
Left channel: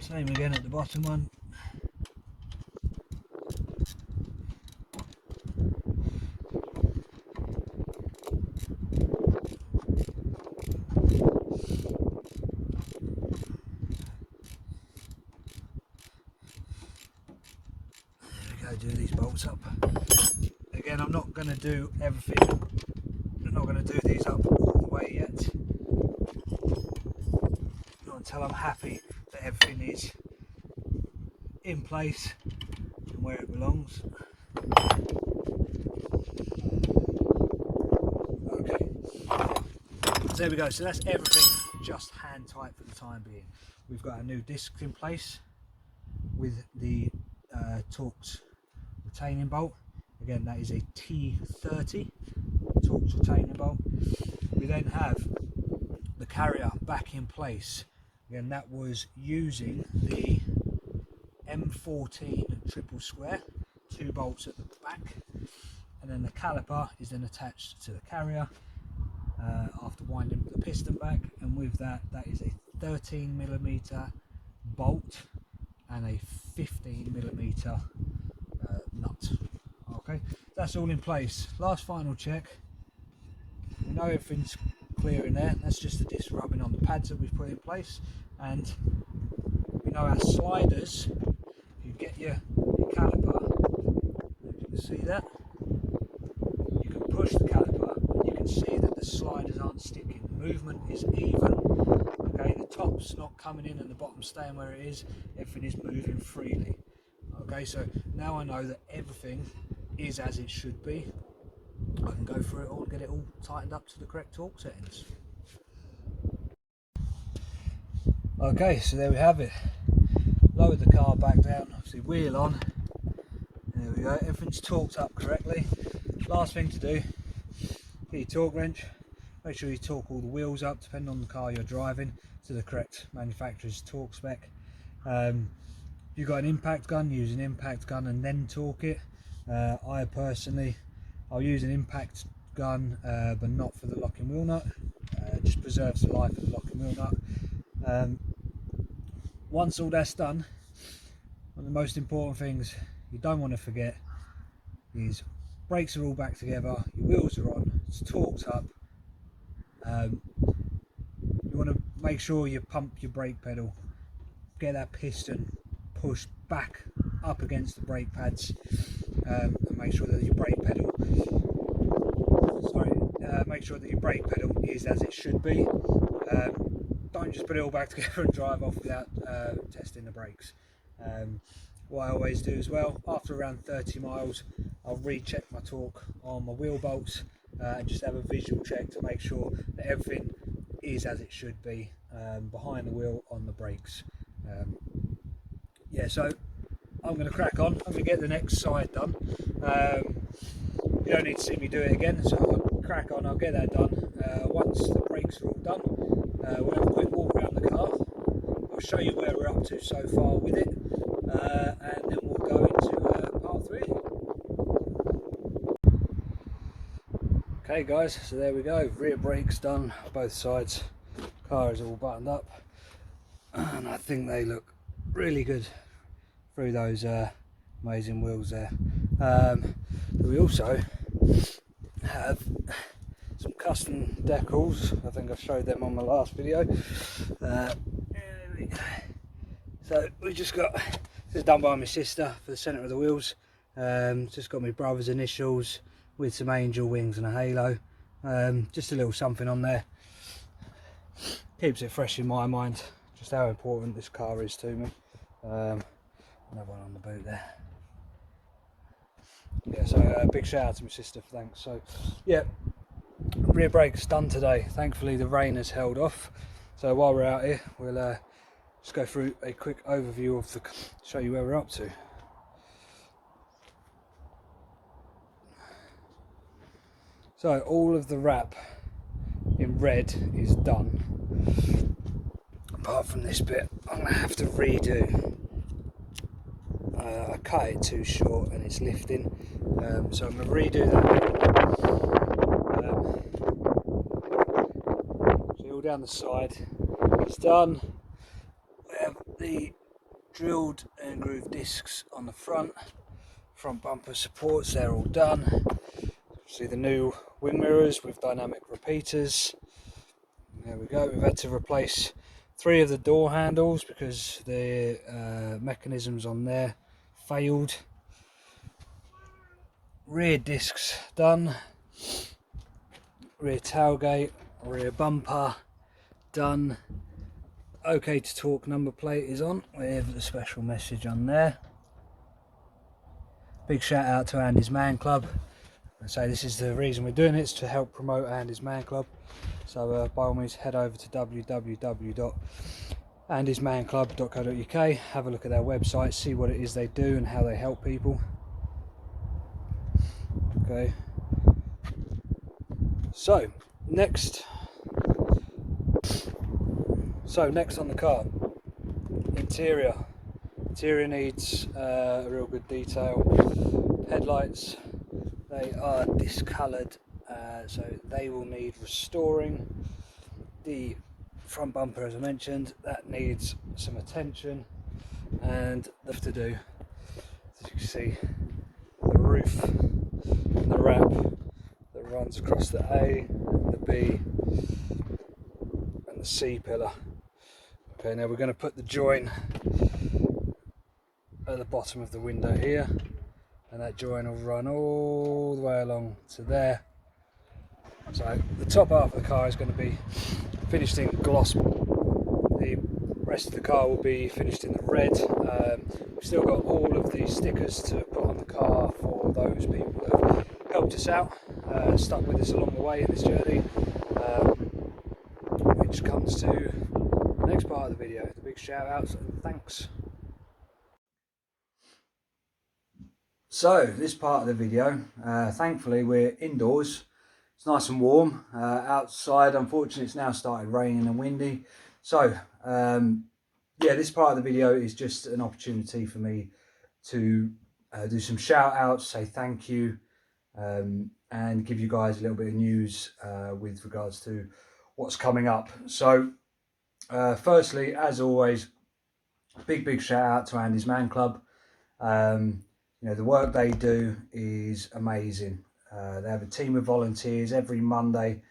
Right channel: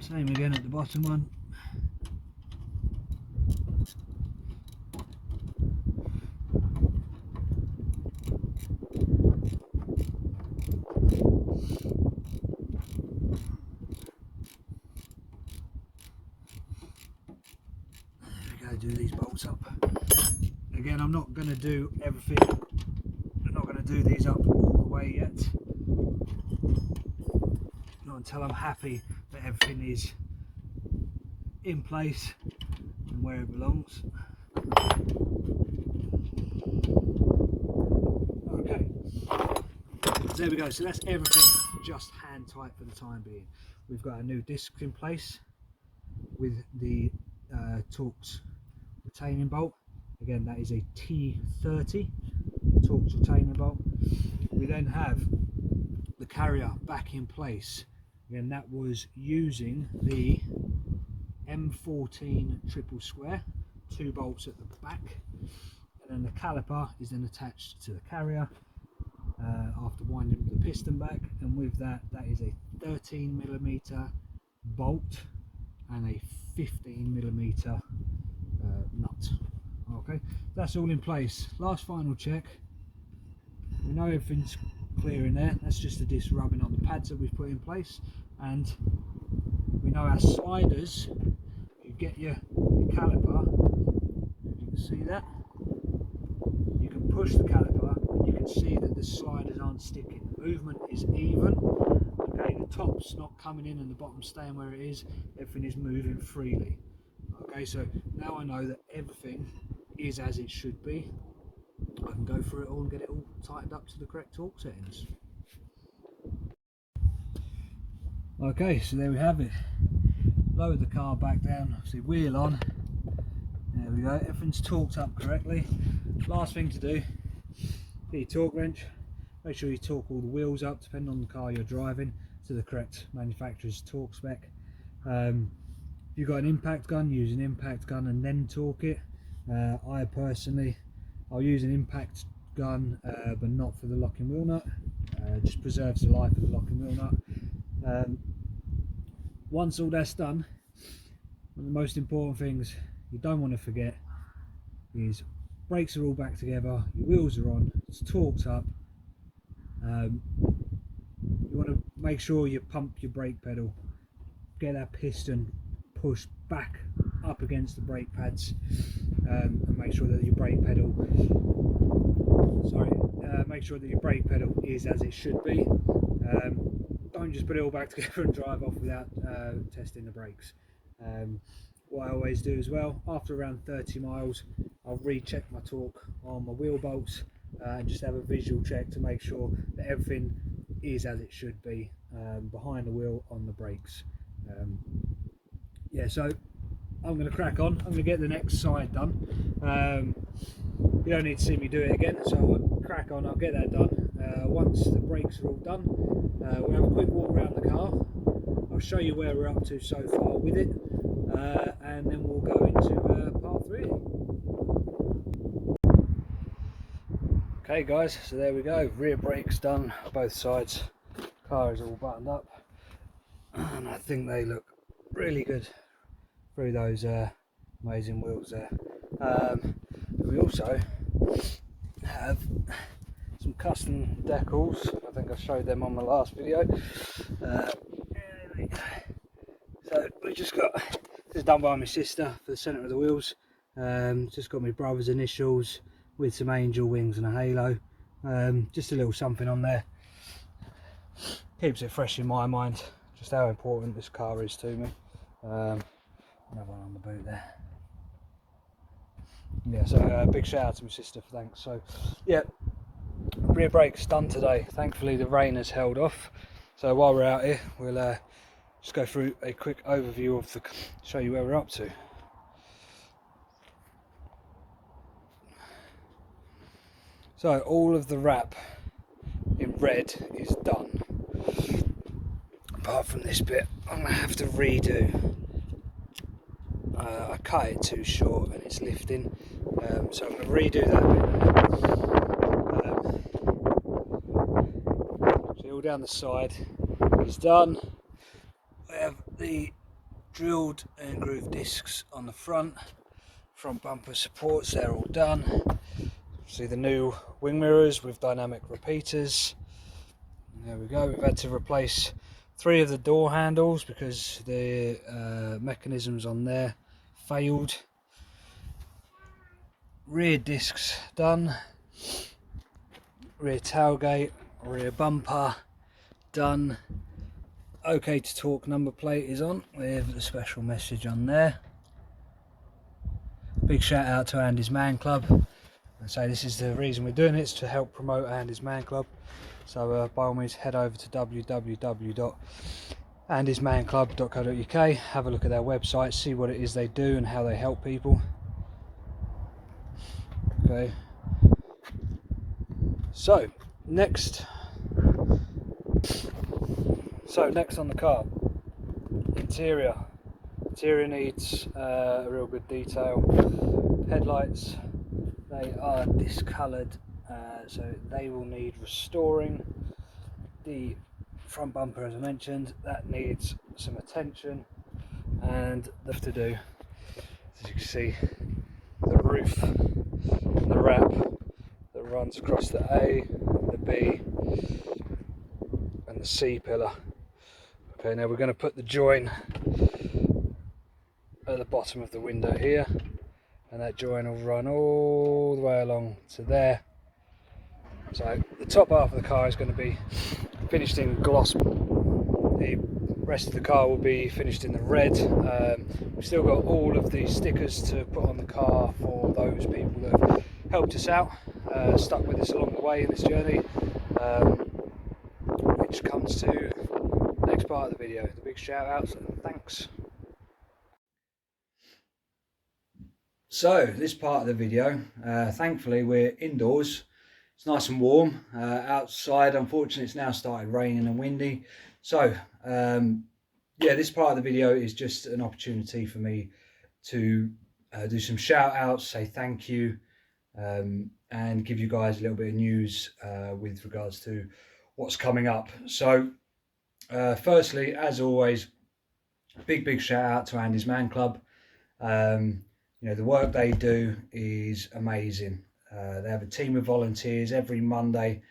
Same again at the bottom one. There we go, do these bolts up. Again, I'm not going to do everything. I'm not going to do these up all the way yet. Not until I'm happy that everything is in place and where it belongs. Okay, so there we go. So that's everything just hand tight for the time being. We've got a new disc in place with the Torx retaining bolt. Again, that is a T30 Torx retaining bolt. We then have the carrier back in place. Again, that was using the M14 triple square, 2 bolts at the back, and then the caliper is then attached to the carrier after winding the piston back, and with that, that is a 13mm bolt and a 15mm nut. Okay, that's all in place. Last final check. We know everything's clear in there. That's just the disc rubbing on the pads that we've put in place, and we know our sliders. You get your caliper, you can see that. You can push the caliper, and you can see that the sliders aren't sticking. The movement is even. Okay, the top's not coming in and the bottom's staying where it is. Everything is moving freely. Okay, so now I know that everything is as it should be. I can go through it all and get it all tightened up to the correct torque settings. Okay, so there we have it. Lowered the car back down, obviously wheel on. There we go, everything's torqued up correctly. Last thing to do, get your torque wrench. Make sure you torque all the wheels up, depending on the car you're driving, to the correct manufacturer's torque spec. You've got an impact gun, use an impact gun and then torque it. I'll use an impact gun, but not for the locking wheel nut. Just preserves the life of the locking wheel nut. Once all that's done, one of the most important things you don't want to forget is brakes are all back together, your wheels are on, it's torqued up. You want to make sure you pump your brake pedal, get that piston pushed back up against the brake pads, and make sure that your brake pedal is as it should be. Don't just put it all back together and drive off without testing the brakes. What I always do as well, after around 30 miles, I'll recheck my torque on my wheel bolts and just have a visual check to make sure that everything is as it should be behind the wheel on the brakes. Yeah, so I'm going to crack on. I'm going to get the next side done. You don't need to see me do it again, so I'll crack on. I'll get that done. Once the brakes are all done, we'll have a quick walk around the car. I'll show you where we're up to so far with it, and then we'll go into part 3. Okay guys, so there we go. Rear brakes done, both sides. Car is all buttoned up, and I think they look really good through those amazing wheels there. We also have some custom decals. I think I showed them on my last video. So we just got this done by my sister for the centre of the wheels. Just got my brother's initials with some angel wings and a halo. Just a little something on there. Keeps it fresh in my mind, just how important this car is to me. Another one on the boot there. Yeah, so big shout out to my sister for thanks. So yeah, rear brakes done today. Thankfully the rain has held off, so while we're out here we'll just go through a quick overview of the, show you where we're up to. So all of the wrap in red is done, apart from this bit I'm going to have to redo. I cut it too short and it's lifting, so I'm going to redo that. So all down the side is done. We have the drilled and grooved discs on the front bumper supports, they're all done. See the new wing mirrors with dynamic repeaters. And there we go. We've had to replace 3 of the door handles because the mechanisms on there failed. Rear discs done, rear tailgate, rear bumper done. OK to talk number plate is on with a special message on there. Big shout out to Andy's Man Club. And so this is the reason we're doing it, it's to help promote Andy's Man Club. So by all means head over to www.andysmanclub.co.uk, have a look at their website, see what it is they do and how they help people. Okay, so next on the car, interior needs a real good detail. Headlights, they are discoloured, so they will need restoring. The front bumper, as I mentioned, that needs some attention, and left to do, as you can see, the roof and the wrap that runs across the A, the B and the C pillar. Okay, now we're going to put the join at the bottom of the window here, and that join will run all the way along to there. So the top half of the car is going to be finished in gloss. The rest of the car will be finished in the red. We've still got all of the stickers to put on the car for those people that have helped us out, stuck with us along the way in this journey, which comes to the next part of the video, the big shout outs and thanks. So this part of the video, thankfully we're indoors. It's nice and warm. Outside, unfortunately, it's now started raining and windy. So yeah, this part of the video is just an opportunity for me to do some shout outs, say thank you, and give you guys a little bit of news with regards to what's coming up. So firstly, as always, big shout out to Andy's Man Club. You know, the work they do is amazing. They have a team of volunteers every Monday.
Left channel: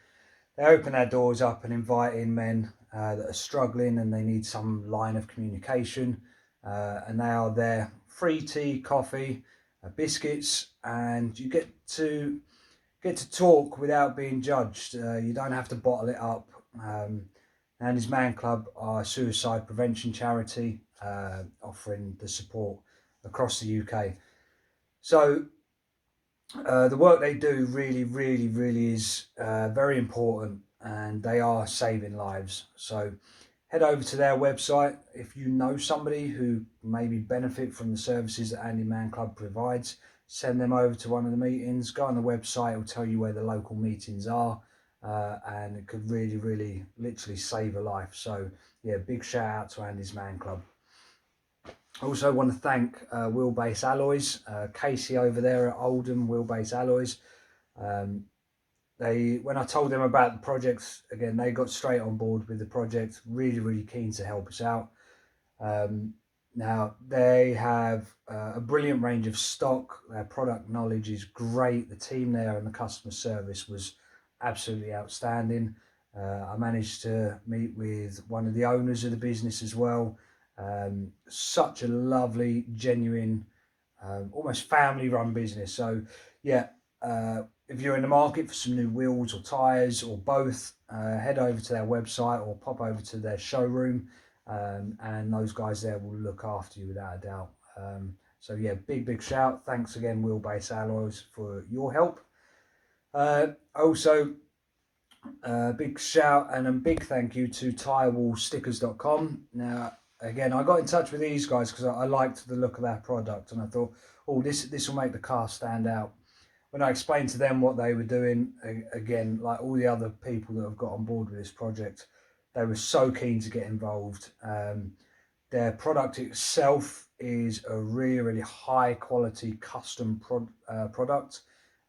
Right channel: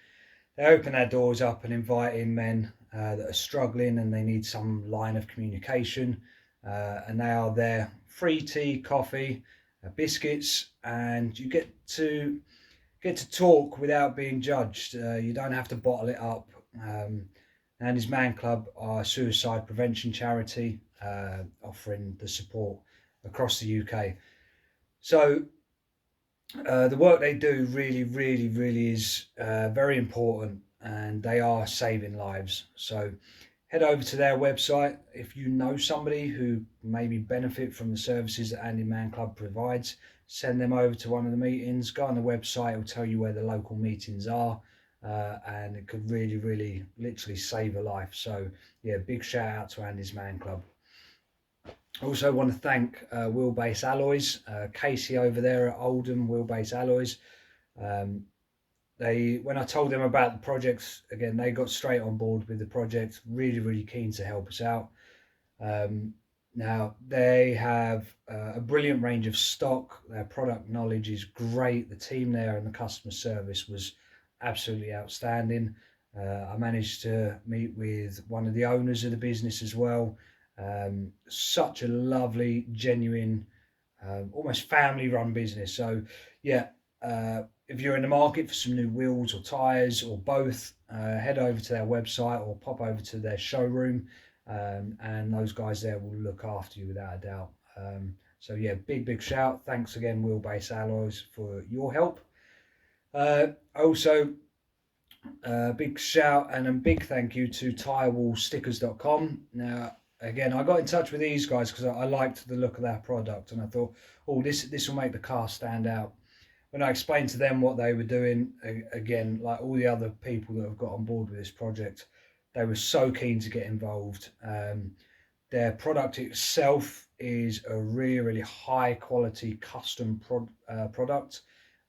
They open their doors up and invite in men that are struggling and they need some line of communication, and they are there. Free tea, coffee, biscuits, and you get to talk without being judged. You don't have to bottle it up. And his Man Club are a suicide prevention charity, offering the support across the UK. So the work they do really is very important, and they are saving lives. So head over to their website. If you know somebody who maybe benefit from the services that Andy's Man Club provides, send them over to one of the meetings. Go on the website, it will tell you where the local meetings are, and it could really literally save a life. So yeah, big shout out to Andy's Man Club. I also want to thank Wheelbase Alloys, Casey over there at Oldham Wheelbase Alloys. When I told them about the project, again, they got straight on board with the project, really keen to help us out. Now, they have a brilliant range of stock. Their product knowledge is great. The team there and the customer service was absolutely outstanding. I managed to meet with one of the owners of the business as well. Such a lovely, genuine, almost family-run business. So, yeah, if you're in the market for some new wheels or tyres or both, head over to their website or pop over to their showroom, and those guys there will look after you without a doubt. So yeah, big shout. Thanks again, Wheelbase Alloys, for your help. Also, big shout and a big thank you to tirewallstickers.com. Now, again, I got in touch with these guys because I liked the look of their product, and I thought, oh, this will make the car stand out. When I explained to them what they were doing, again, like all the other people that have got on board with this project, they were so keen to get involved. Their product itself is a really high quality custom product.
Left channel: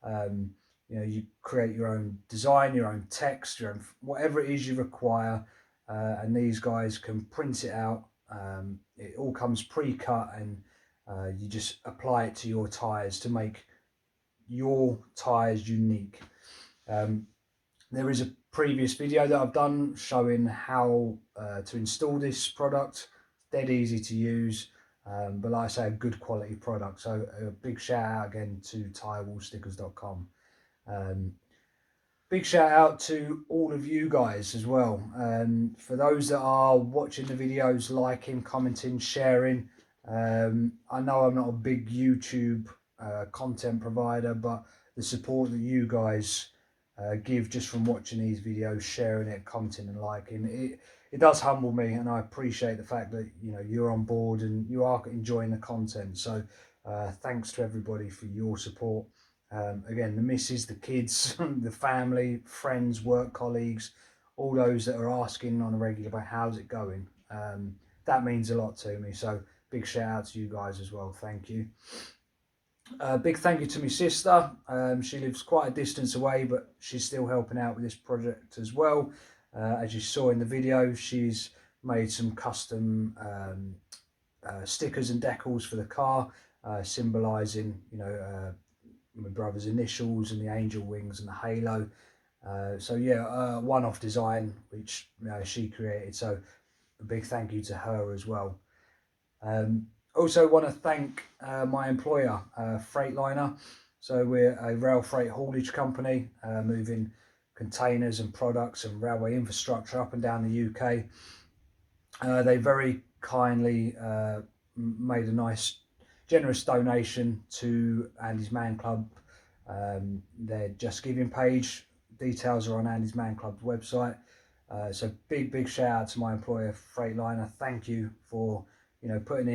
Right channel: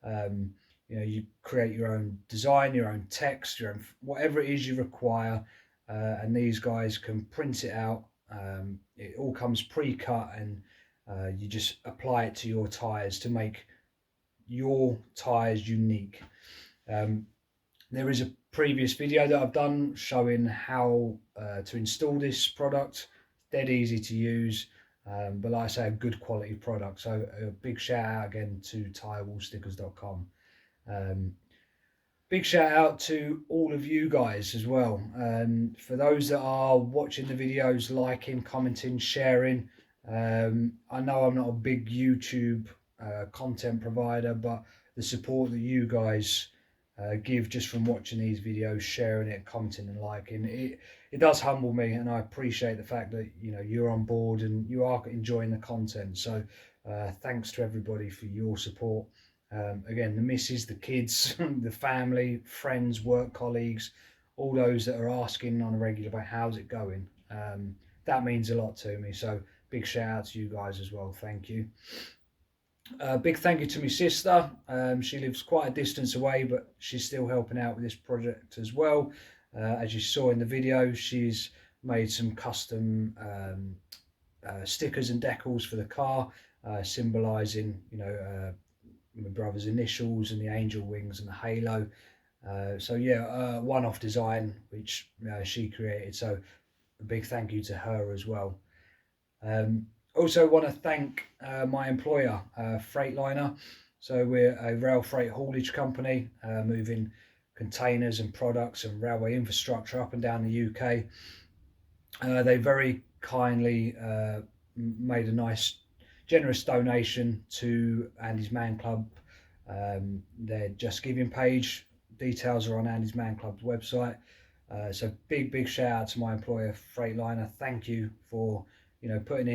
You know, you create your own design, your own text, your own whatever it is you require, and these guys can print it out. It all comes pre-cut, and you just apply it to your tires to make your tires unique. There is a previous video that I've done showing how to install this product. Dead easy to use, but like I say, a good quality product. So a big shout out again to tirewallstickers.com. Big shout out to all of you guys as well. For those that are watching the videos, liking, commenting, sharing. I know I'm not a big YouTube content provider, but the support that you guys give just from watching these videos, sharing it, commenting and liking, it does humble me, and I appreciate the fact that you're on board and you are enjoying the content. So thanks to everybody for your support. Again, the missus, the kids, the family, friends, work colleagues, all those that are asking on a regular basis, how's it going? That means a lot to me. So big shout out to you guys as well. Thank you. Big thank you to my sister. She lives quite a distance away, but she's still helping out with this project as well. As you saw in the video, she's made some custom stickers and decals for the car, symbolising, my brother's initials and the angel wings and the halo. So yeah, one-off design which she created. So a big thank you to her as well. Also want to thank my employer, Freightliner. So we're a rail freight haulage company, moving containers and products and railway infrastructure up and down the UK. They very kindly made a nice generous donation to Andy's Man Club. Their Just Giving page, details are on Andy's Man Club's website. So big shout out to my employer, Freightliner. Thank you for putting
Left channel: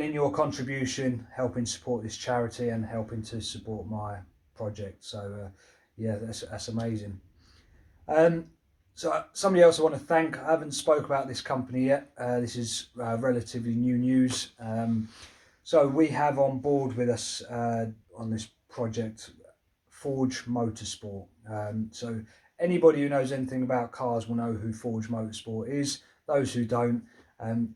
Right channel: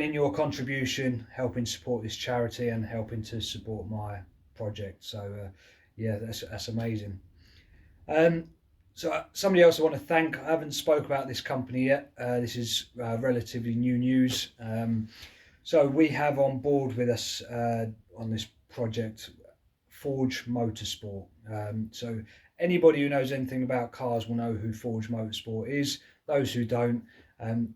in your contribution, helping support this charity and helping to support my project. So yeah, that's amazing. So somebody else I want to thank. I haven't spoke about this company yet. This is relatively new news. So we have on board with us on this project Forge Motorsport. So anybody who knows anything about cars will know who Forge Motorsport is. Those who don't,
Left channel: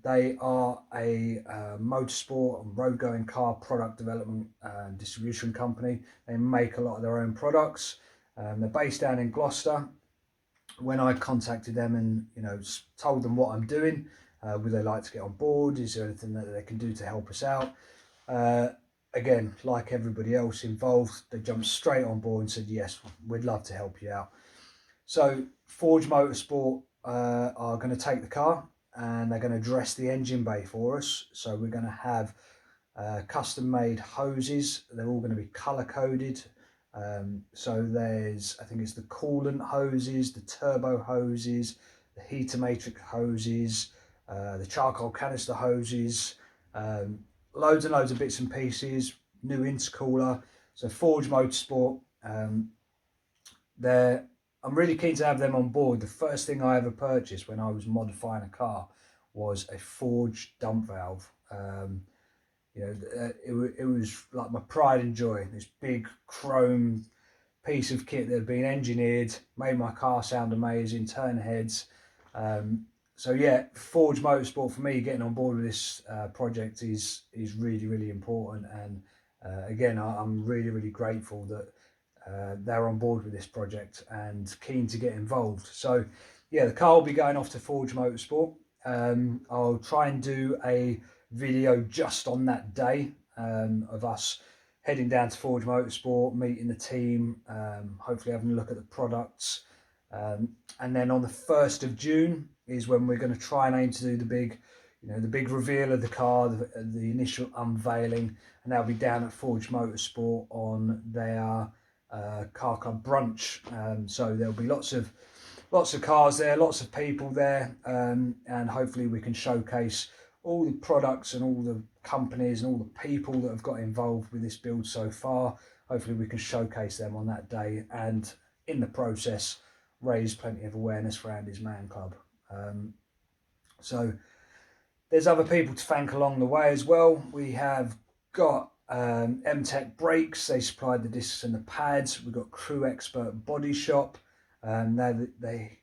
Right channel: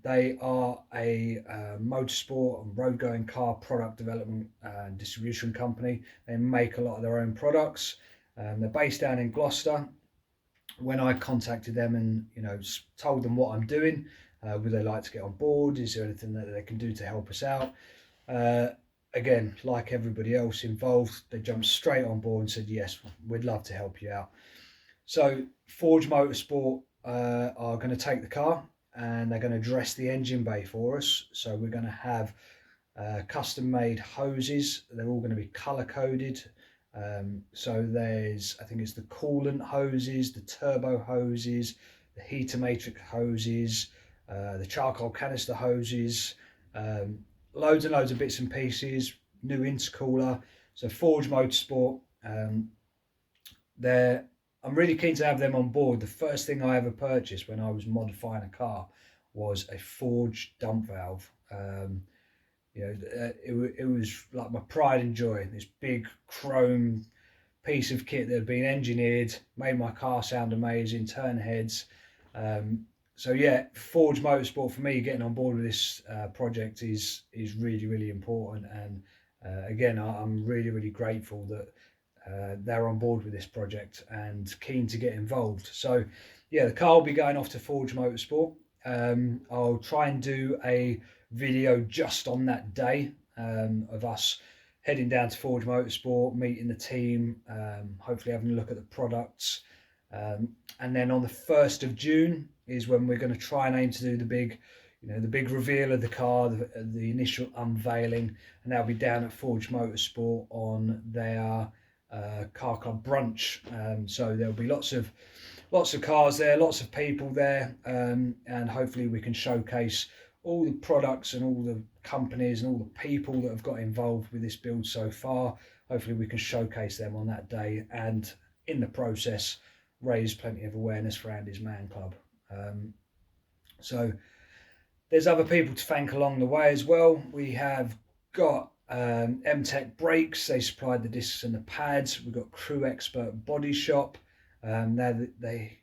they are a motorsport and road going car product development and distribution company. They make a lot of their own products. They're based down in Gloucester. When I contacted them and told them what I'm doing, would they like to get on board? Is there anything that they can do to help us out? Again, like everybody else involved, they jumped straight on board and said, yes, we'd love to help you out. So Forge Motorsport are going to take the car and they're going to dress the engine bay for us. So we're going to have custom made hoses. They're all going to be color coded. So there's, I think it's the coolant hoses, the turbo hoses, the heater matrix hoses, the charcoal canister hoses, loads and loads of bits and pieces, new intercooler. So Forge Motorsport, I'm really keen to have them on board. The first thing I ever purchased when I was modifying a car was a Forge dump valve. It was like my pride and joy. This big chrome piece of kit that had been engineered, made my car sound amazing, turn heads. So yeah, Forge Motorsport for me, getting on board with this project is really important. And again, I'm really grateful that they're on board with this project and keen to get involved. So yeah, the car will be going off to Forge Motorsport. I'll try and do a video just on that day of us heading down to Forge Motorsport, meeting the team, hopefully having a look at the products. And then on the 1st of June is when we're going to try and aim to do the big reveal of the car, the initial unveiling, and that'll be down at Forge Motorsport on their car club brunch. So there'll be lots of cars there, lots of people there, and hopefully we can showcase all the products and all the companies and all the people that have got involved with this build so far. Hopefully we can showcase them on that day, and in the process raise plenty of awareness for Andy's Man Club. So there's other people to thank along the way as well. We have got MTEC Brakes. They supplied the discs and the pads. We've got Crewe Expert Bodyshop. They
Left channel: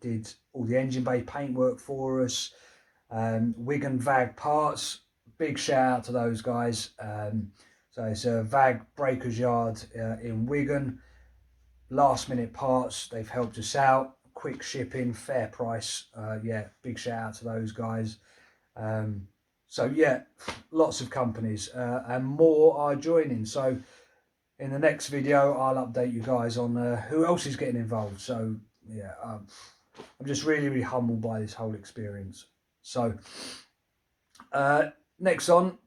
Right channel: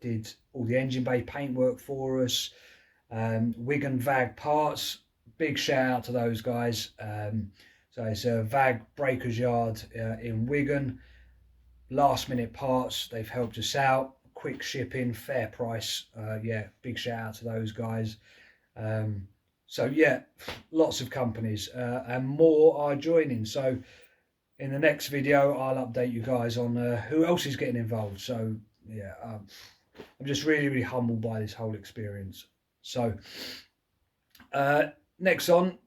did all the engine bay paintwork for us. Wigan VAG Parts, big shout out to those guys. So it's a VAG Breakers Yard in Wigan. Last minute parts, they've helped us out. Quick shipping, fair price. Yeah, big shout out to those guys. So yeah, lots of companies and more are joining. So in the next video, I'll update you guys on who else is getting involved. So yeah, I'm just really humbled by this whole experience. So next on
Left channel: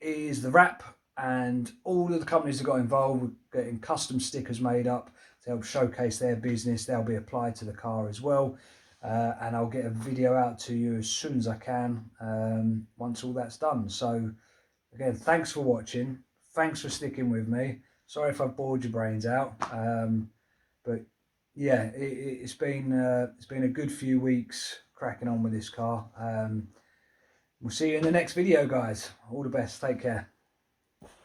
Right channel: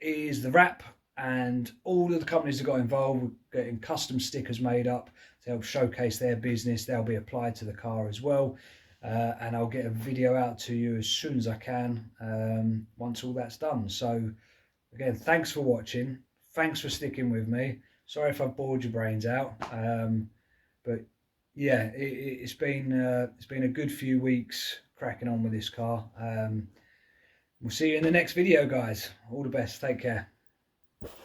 is the wrap, and all of the companies that got involved with getting custom stickers made up to help showcase their business. They'll be applied to the car as well. And I'll get a video out to you as soon as I can once all that's done. So again, thanks for watching. Thanks for sticking with me. Sorry if I've bored your brains out. But yeah, it's been a good few weeks cracking on with this car. We'll see you in the next video, guys. All the best. Take care.